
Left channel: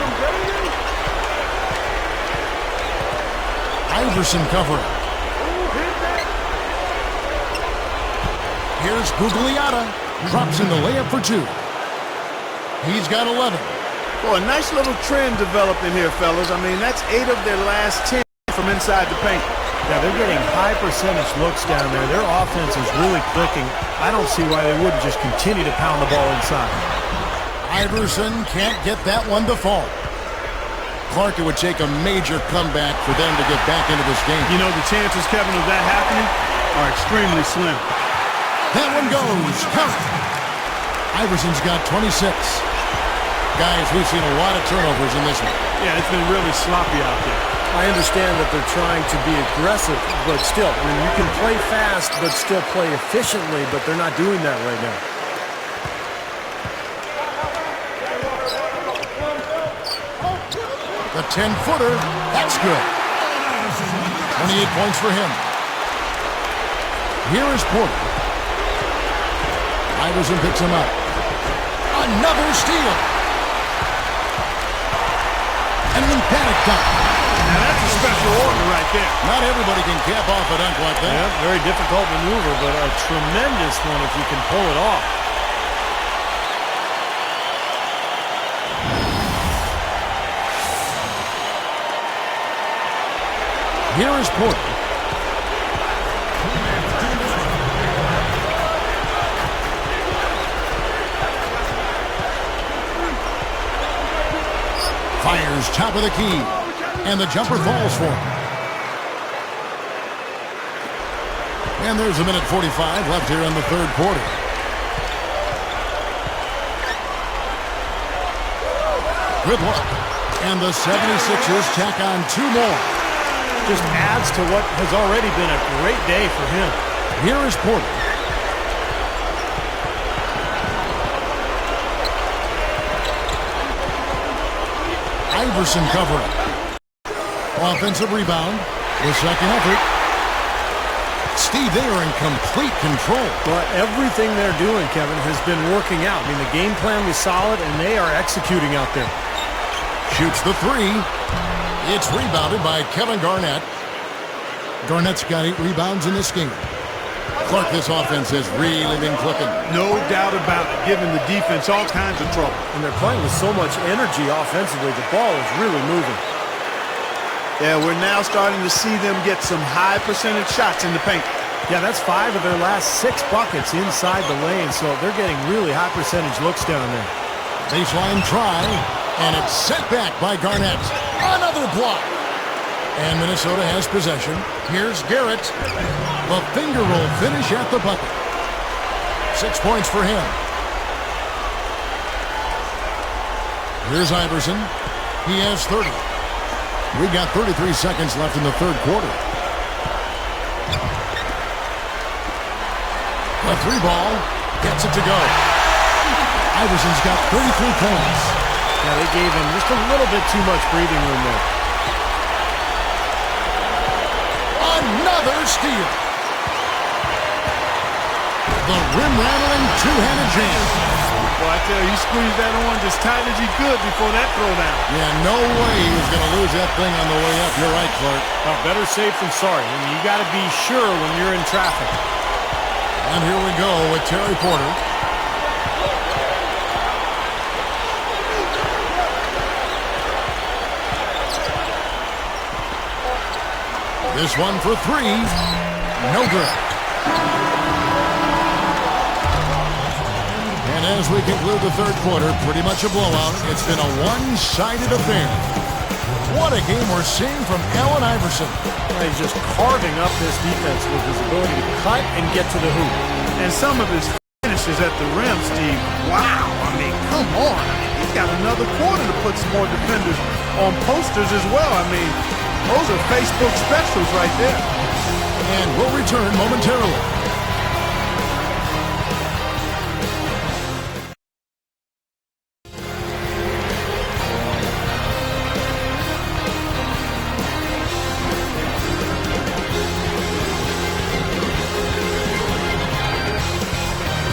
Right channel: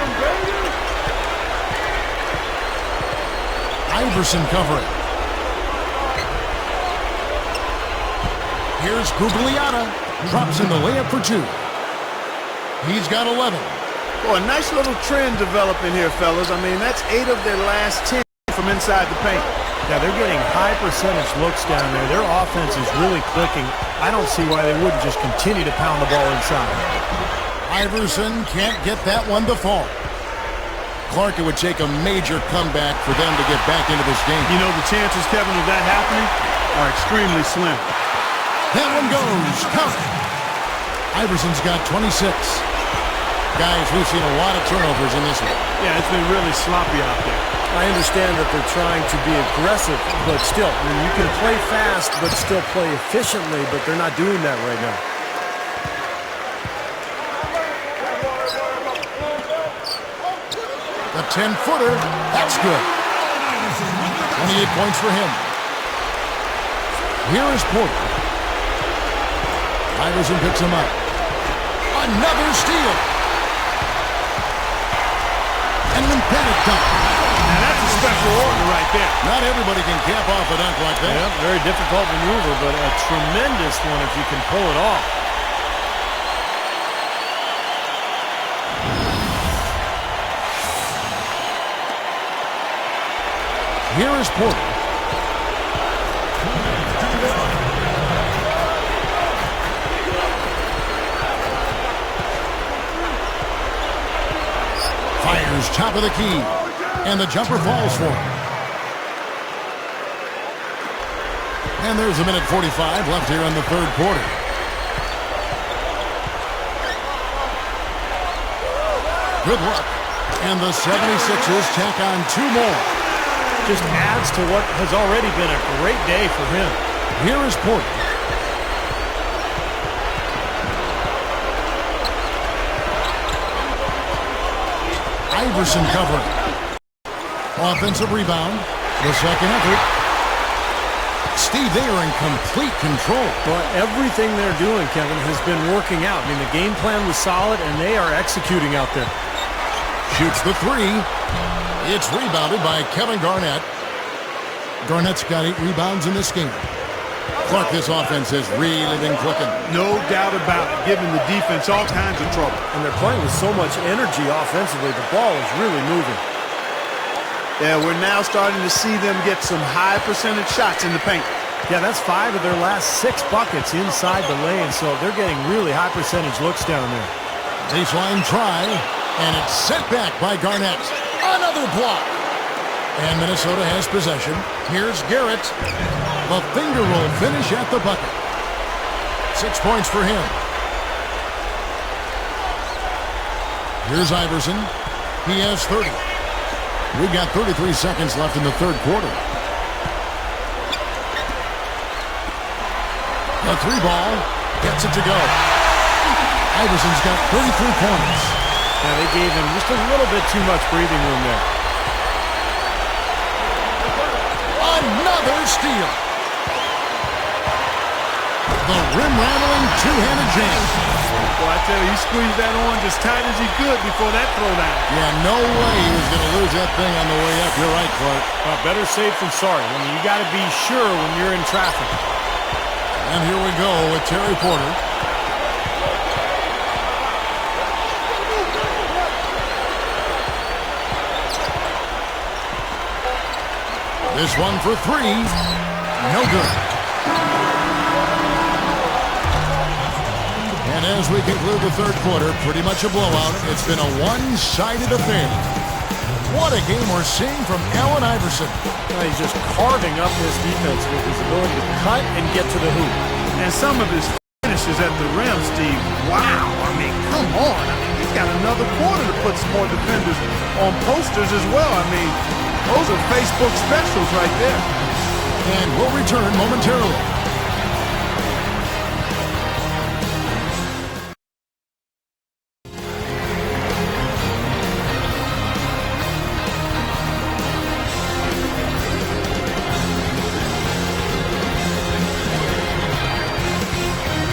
Iverson covering. Here's Gugliotta. Drops in the layup for 2. He's got 11. Boy, a nice little trend developing here, fellas. I mean, that's 8 of their last 10 from inside the paint. Yeah, they're getting high percentage looks down there. Their offense is really clicking. I don't see why they wouldn't just continue to pound the ball inside. Iverson can't get that one to fall. Clark, it would take a major comeback for them to get back into this game. You know, the chances, Kevin, of that happening are extremely slim. That one goes. Count it. Iverson's got 26. Guys, we've seen a lot of turnovers in this one. Yeah, it's been really sloppy out there. I understand that they're trying to be aggressive, but still, I mean, you can play fast but still play efficiently, but they're not doing that right now. The 10-footer, that's good. 28 points for him. Here is Porter. Iverson picks him up. Another steal. And an emphatic dunk. Now that's a a special order right there. Not everybody can cap off a dunk like that. Yeah, very difficult maneuver, but a tremendous one if you can pull it off. Here is Porter. Fires top of the key, and the jumper falls for him. And there's a minute 45 left here in the third quarter. Good luck. And the 76ers tack on 2 more. Just adds to what has already been a great day for him. Here is Porter. Iverson covering. Offensive rebound. The second effort. Steve, they are in complete control. Well, everything they're doing, Kevin, has been working out. I mean, the game plan was solid, and they are executing out there. Shoots the 3. It's rebounded by Kevin Garnett. Garnett's got 8 rebounds in this game. Clark, this offense has really been clicking. No doubt about it, giving the defense all kinds of trouble. And they're playing with so much energy offensively. The ball is really moving. Yeah, we're now starting to see them get some high percentage shots in the paint. Yeah, that's 5 of their last 6 buckets inside the lane, so they're getting really high percentage looks down there. Baseline try, and it's sent back by Garnett. Another block. And Minnesota has possession. Here's Garrett. The finger roll finish at the bucket. 6 points for him. Here's Iverson. He has 30. We've got 33 seconds left in the third quarter. The 3 ball gets it to go. Iverson's got 33 points. Yeah, they gave him just a little bit too much breathing room there. Another steal. The rim-rattling two-handed jam. Well, I tell you, he squeezed that on just tight as he could before that throwdown. Yeah, no way he was going to lose that thing on the way up. You're right, Clark. Well, better safe than sorry. I mean, you got to be sure when you're in traffic. And here we go with Terry Porter. This one for 3. No good. And as we conclude the third quarter, pretty much a blowout. It's been a one-sided affair. What a game we're seeing from Allen Iverson. Well, he's just carving up this defense with his ability to cut and get to the hoop. And some of his finishes at the rim, Steve. Wow. I mean, come on. I mean, he's got another quarter to put some more defenders on posters as well. I mean, those are Facebook specials right there. And we'll return momentarily.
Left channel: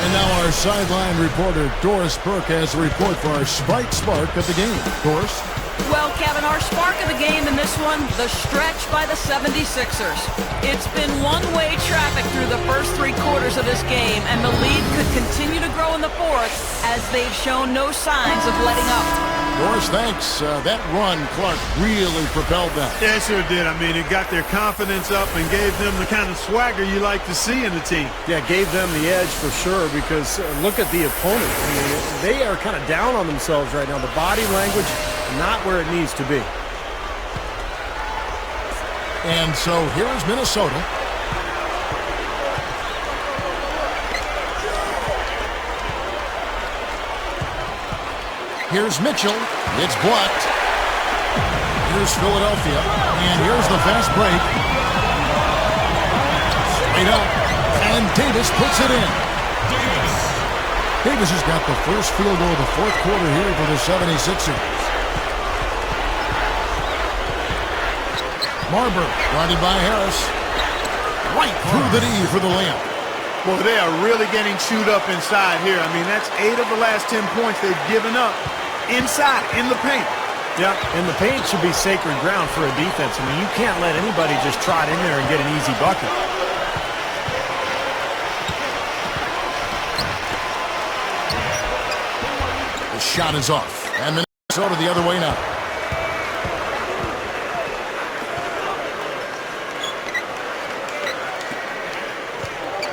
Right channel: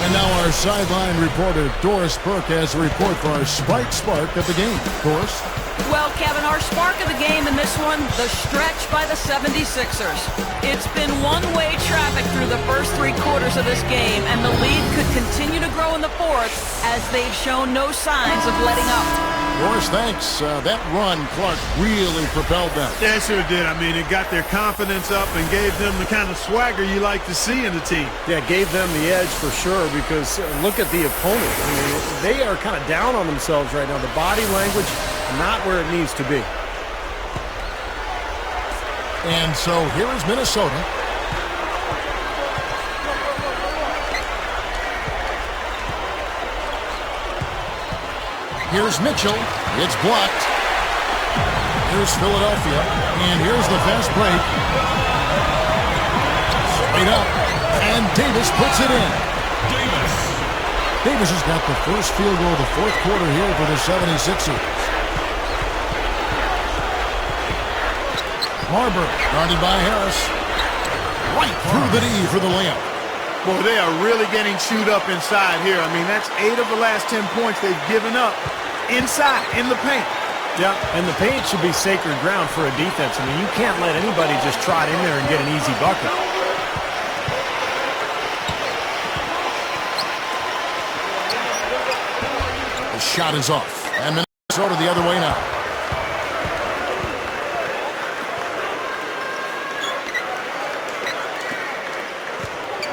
And now our sideline reporter, Doris Burke, has a report for our Sprite Spark of the game. Doris? Well, Kevin, our spark of the game in this one, the stretch by the 76ers. It's been one-way traffic through the first 3 quarters of this game, and the lead could continue to grow in the fourth as they've shown no signs of letting up. Doris, thanks. That run, Clark, really propelled them. Yeah, it sure did. I mean, it got their confidence up and gave them the kind of swagger you like to see in a team. Yeah, gave them the edge for sure because look at the opponent. I mean, they are kind of down on themselves right now. The body language, not where it needs to be. And so here is Minnesota. Here's Mitchell. It's blocked. Here's Philadelphia. And here's the fast break. Straight up. And Davis puts it in. Davis has got the first field goal of the fourth quarter here for the 76ers. Marbury guarded by Harris. Right through the knee for the layup. Boy, they are really getting chewed up inside here. I mean, that's 8 of the last 10 points they've given up inside, in the paint. Yeah, and the paint should be sacred ground for a defense. I mean, you can't let anybody just trot in there and get an easy bucket. The shot is off, and Minnesota the other way now.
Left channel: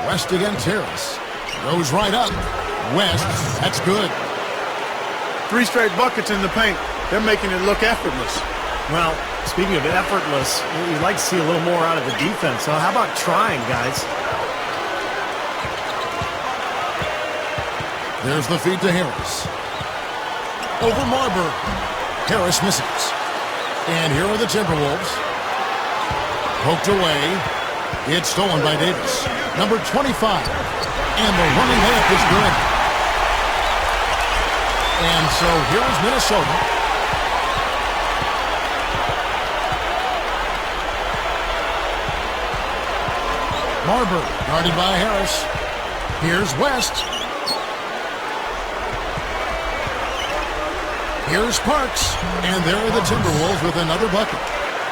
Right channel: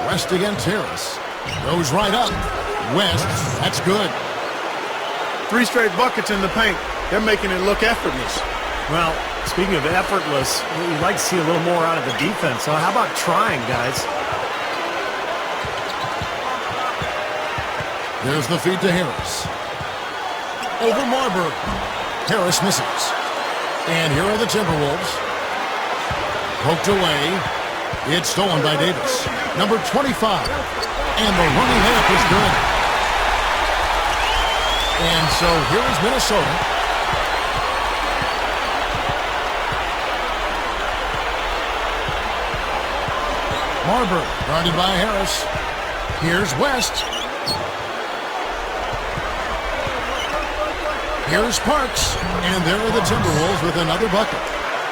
West against Harris. Goes right up. West, that's good. 3 straight buckets in the paint. They're making it look effortless. Well, speaking of effortless, you'd like to see a little more out of the defense. So how about trying, guys? There's the feed to Harris. Over Marburg. Harris misses. And here are the Timberwolves. Poked away. It's stolen by Davis. Number 25. And the running layup is good. And so here is Minnesota. Marburg guarded by Harris. Here's West. Here's Parks. And there are the Timberwolves with another bucket.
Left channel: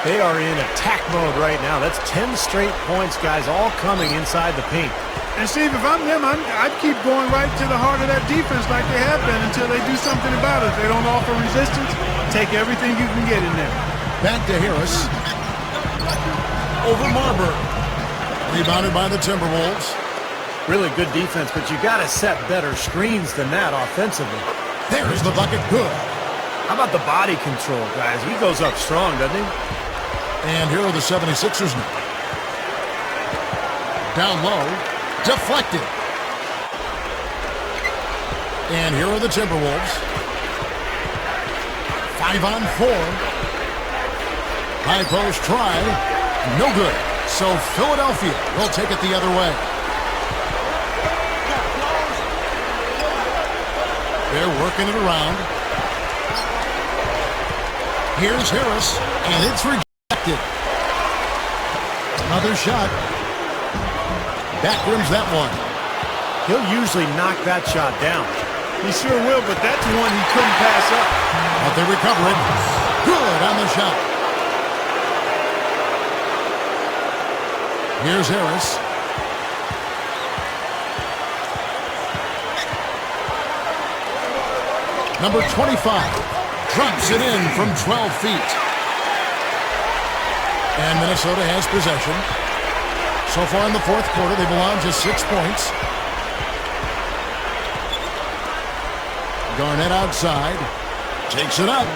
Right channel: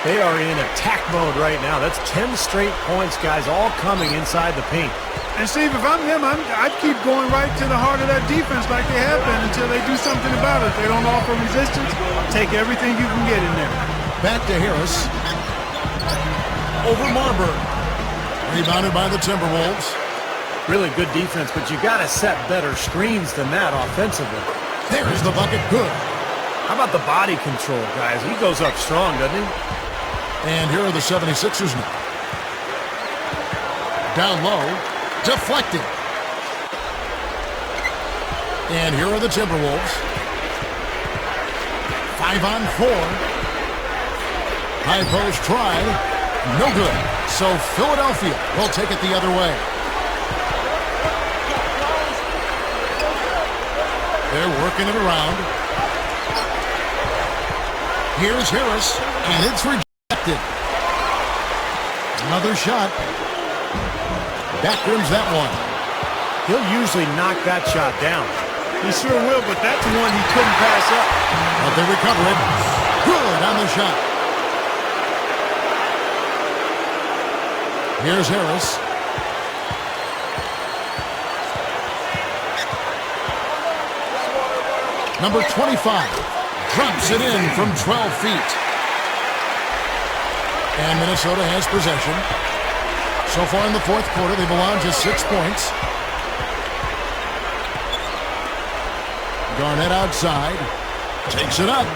They are in attack mode right now. That's 10 straight points, guys, all coming inside the paint. And Steve, if I'm them, I'd keep going right to the heart of that defense like they have been until they do something about it. If they don't offer resistance, take everything you can get in there. Back to Harris. Over Marburg. Rebounded by the Timberwolves. Really good defense, but you got to set better screens than that offensively. There's the bucket. Good. How about the body control, guys? He goes up strong, doesn't he? And here are the 76ers now. Down low. Deflected. And here are the Timberwolves. 5-on-4. High post try. No good. So Philadelphia will take it the other way. They're working it around. Here's Harris, and it's rejected. Another shot. Backrims that one. He'll usually knock that shot down. He sure will, but that's one he couldn't pass up. But they recover it. Good on the shot. Here's Harris. Number 25 drops it in from 12 feet. And Minnesota has possession. So far in the fourth quarter, they've allowed just 6 points. Garnett outside. Takes it up.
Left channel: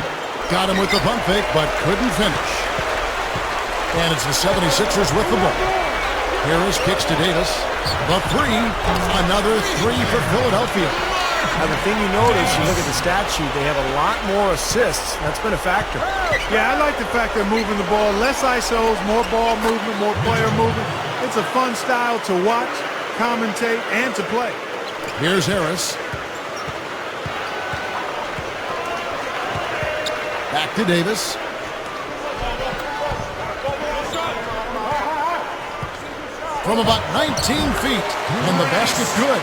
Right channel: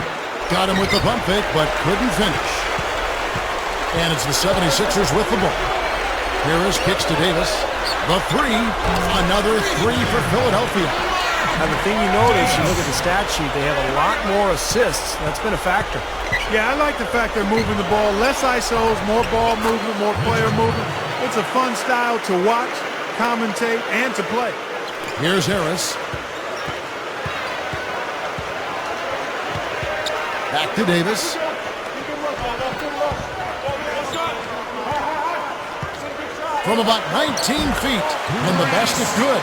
Got him with the pump fake, but couldn't finish. And it's the 76ers with the ball. Harris kicks to Davis. The three. Another three for Philadelphia. Now, the thing you notice, you look at the stat sheet, they have a lot more assists. That's been a factor. Yeah, I like the fact they're moving the ball. Less ISOs, more ball movement, more player movement. It's a fun style to watch, commentate, and to play. Here's Harris. Back to Davis. From about 19 feet, and the basket good.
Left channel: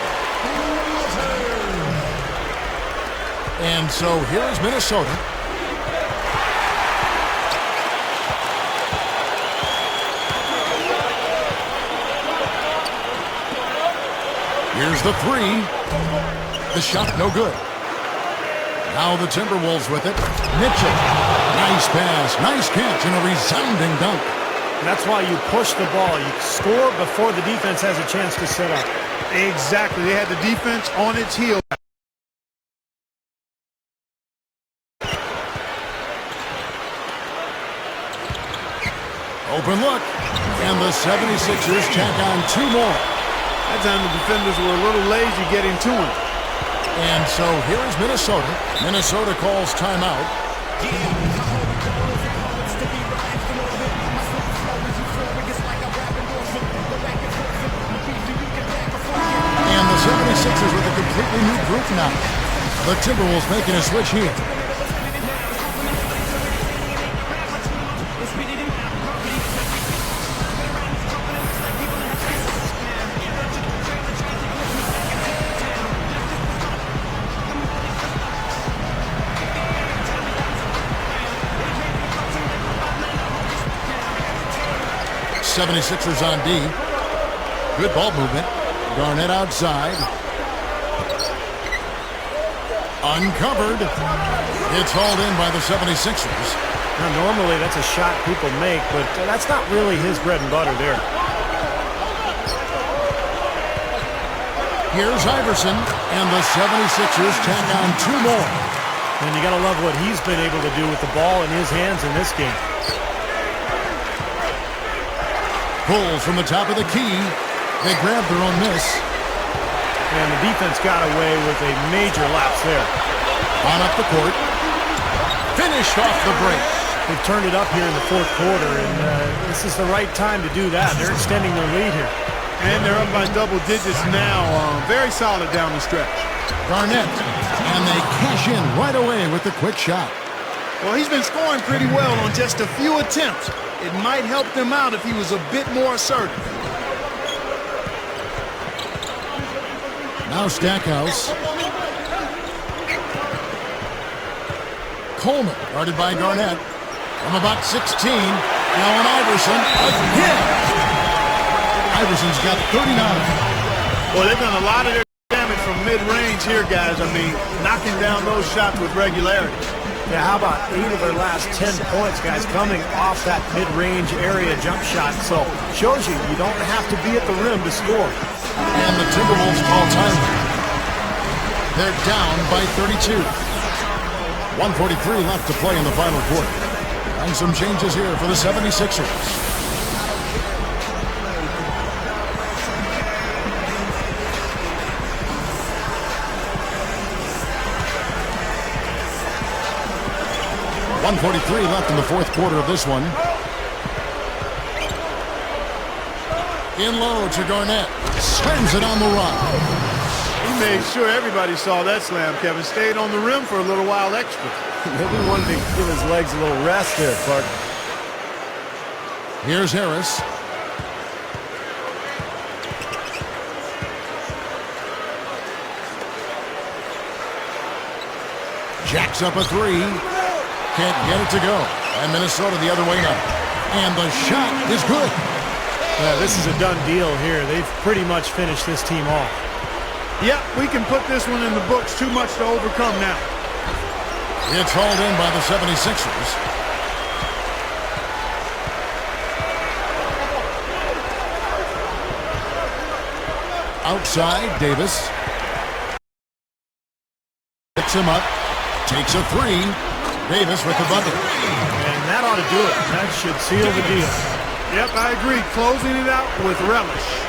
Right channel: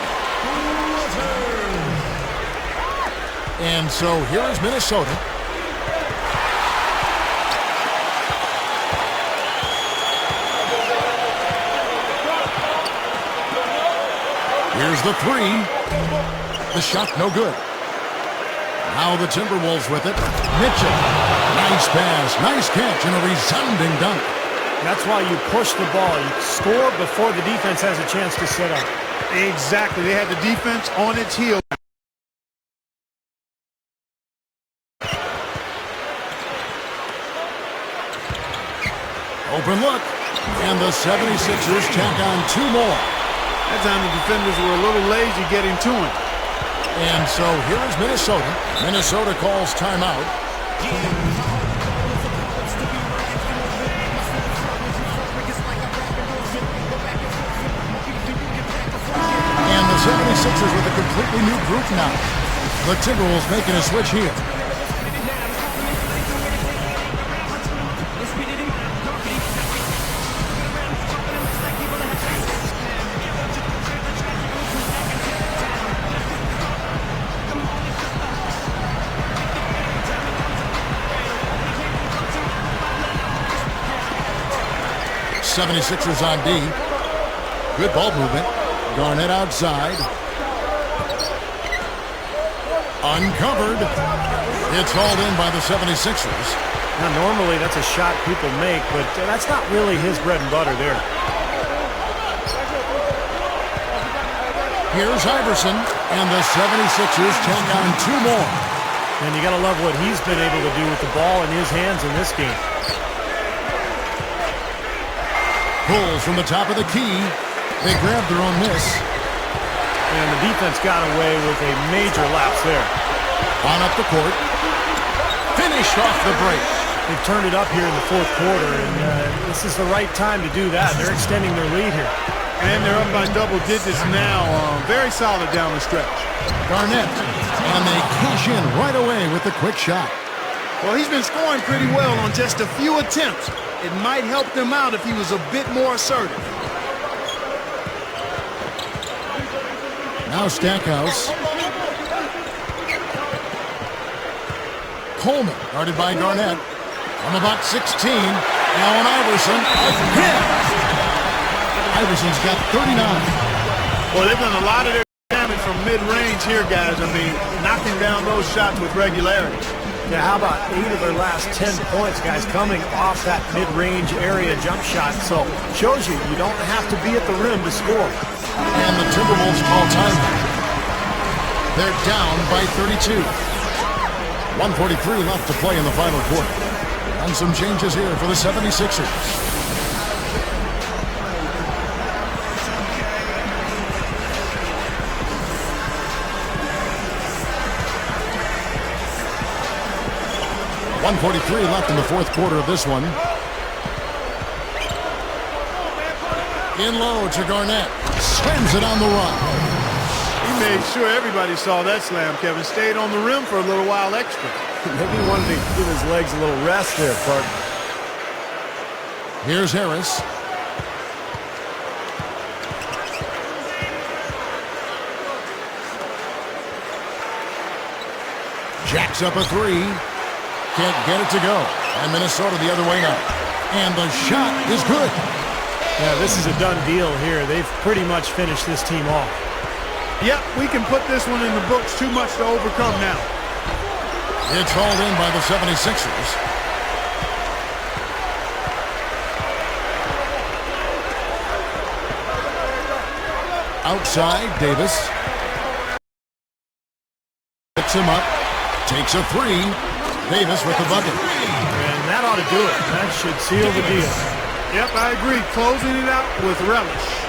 And so here is Minnesota. Here's the three. The shot no good. Now the Timberwolves with it. Mitchell. Nice pass, nice catch, and a resounding dunk. That's why you push the ball. You score before the defense has a chance to set up. Exactly. They had the defense on its heel. Open look. And the 76ers tack on two more. That time the defenders were a little lazy getting to him. And so here is Minnesota. Minnesota calls timeout. And the 76ers with a completely new group now. The Timberwolves making a switch here. 76ers on D. Good ball movement. Garnett outside. Uncovered. It's hauled in by the 76ers. Now, normally that's a shot people make, but that's not really his bread and butter there. Here's Iverson, and the 76ers tack on 2 more. And you got to love what he's been able to do with the ball in his hands in this game. Pulls from the top of the key. They grab their own miss. And the defense got away with a major lapse there. On up the court. Finished off the break. They've turned it up here in the fourth quarter, and this is the right time to do that. They're extending their lead here. And they're up by double digits now. Very solid down the stretch. Garnett, and they cash in right away with the quick shot. Well, he's been scoring pretty well on just a few attempts. It might help them out if he was a bit more assertive. Now Stackhouse. Coleman, guarded by Garnett. From about 16, Allen Iverson again. Iverson's got 39. Well, they've done a lot of their damage from mid-range here, guys. I mean, knocking down those shots with regularity. Yeah, how about 8 of their last 10 points, guys, coming off that mid-range area jump shot. So, shows you don't have to be at the rim to score. And the Timberwolves call timeout. They're down by 32. 1:43 left to play in the final quarter. And some changes here for the 76ers. .143 left in the fourth quarter of this one. In low to Garnett. Slams it on the run. He made sure everybody saw that slam, Kevin. Stayed on the rim for a little while extra. Maybe he wanted to give his legs a little rest there, Clark. Here's Harris. Jacks up a 3. Can't get it to go. And Minnesota the other way now. And the shot is good. Yeah, this is a done deal here. They've pretty much finished this team off. Yep, we can put this one in the books. Too much to overcome now. It's hauled in by the 76ers. Outside, Davis. Picks him up. Takes a 3. Davis with the bucket. And that ought to do it. That should seal the deal. Yep, I agree. Closing it out with relish.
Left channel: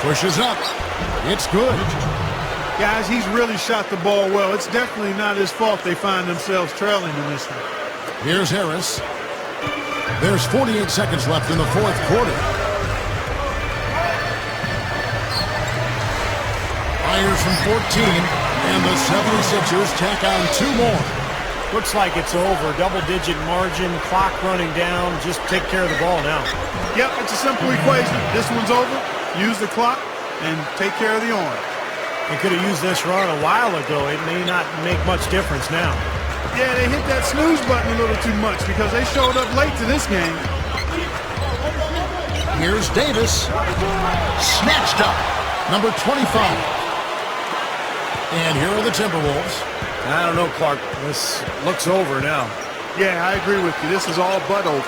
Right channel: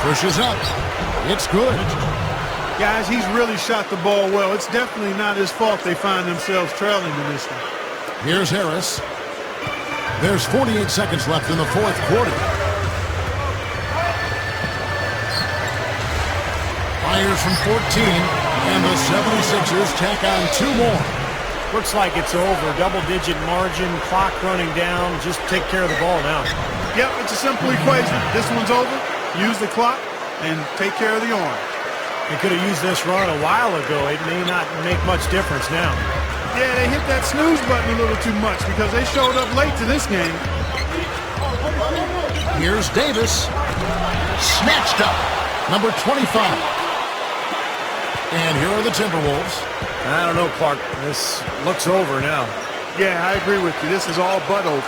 Pushes up. It's good. Guys, he's really shot the ball well. It's definitely not his fault they find themselves trailing in this one. Here's Harris. There's 48 seconds left in the fourth quarter. Fires from 14, and the 76ers tack on 2 more. Looks like it's over. Double-digit margin, clock running down. Just take care of the ball now. Yep, it's a simple equation. This one's over. Use the clock and take care of the orange. They could have used this run a while ago. It may not make much difference now. Yeah, they hit that snooze button a little too much because they showed up late to this game. Here's Davis. Snatched up. Number 25. And here are the Timberwolves. I don't know, Clark. This looks over now. Yeah, I agree with you. This is all but over.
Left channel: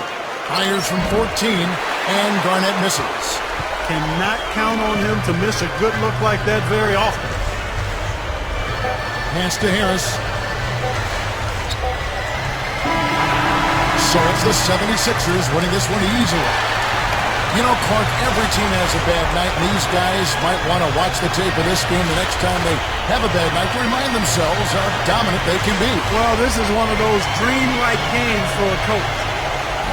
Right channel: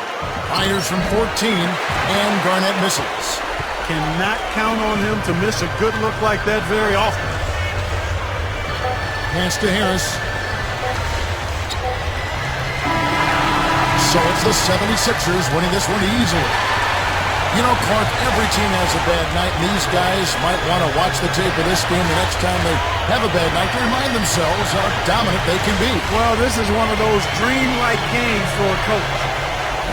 Fires from 14, and Garnett misses. Cannot count on him to miss a good look like that very often. Pass to Harris. So it's the 76ers winning this one easily. You know, Clark, every team has a bad night, and these guys might want to watch the tape of this game the next time they have a bad night to remind themselves how dominant they can be. Well, this is one of those dreamlike games for a coach.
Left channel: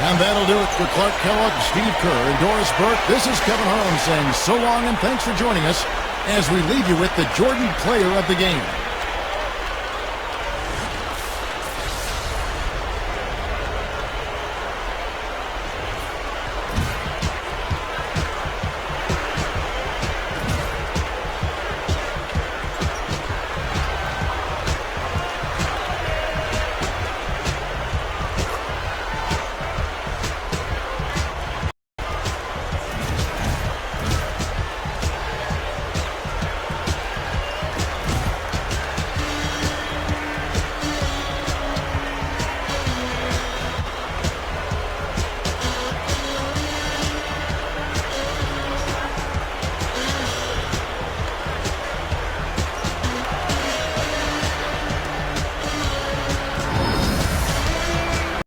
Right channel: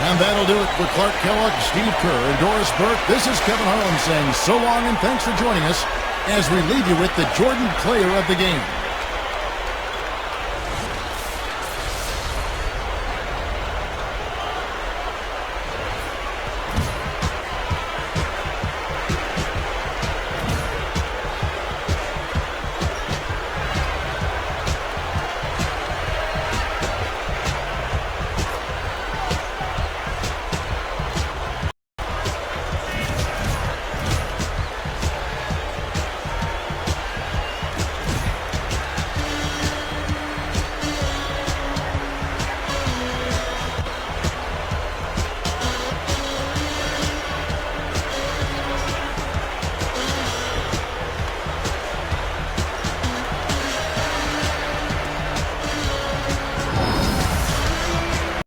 And that'll do it for Clark Kellogg, Steve Kerr, and Doris Burke. This is Kevin Harlan saying so long and thanks for joining us as we leave you with the Jordan Player of the Game.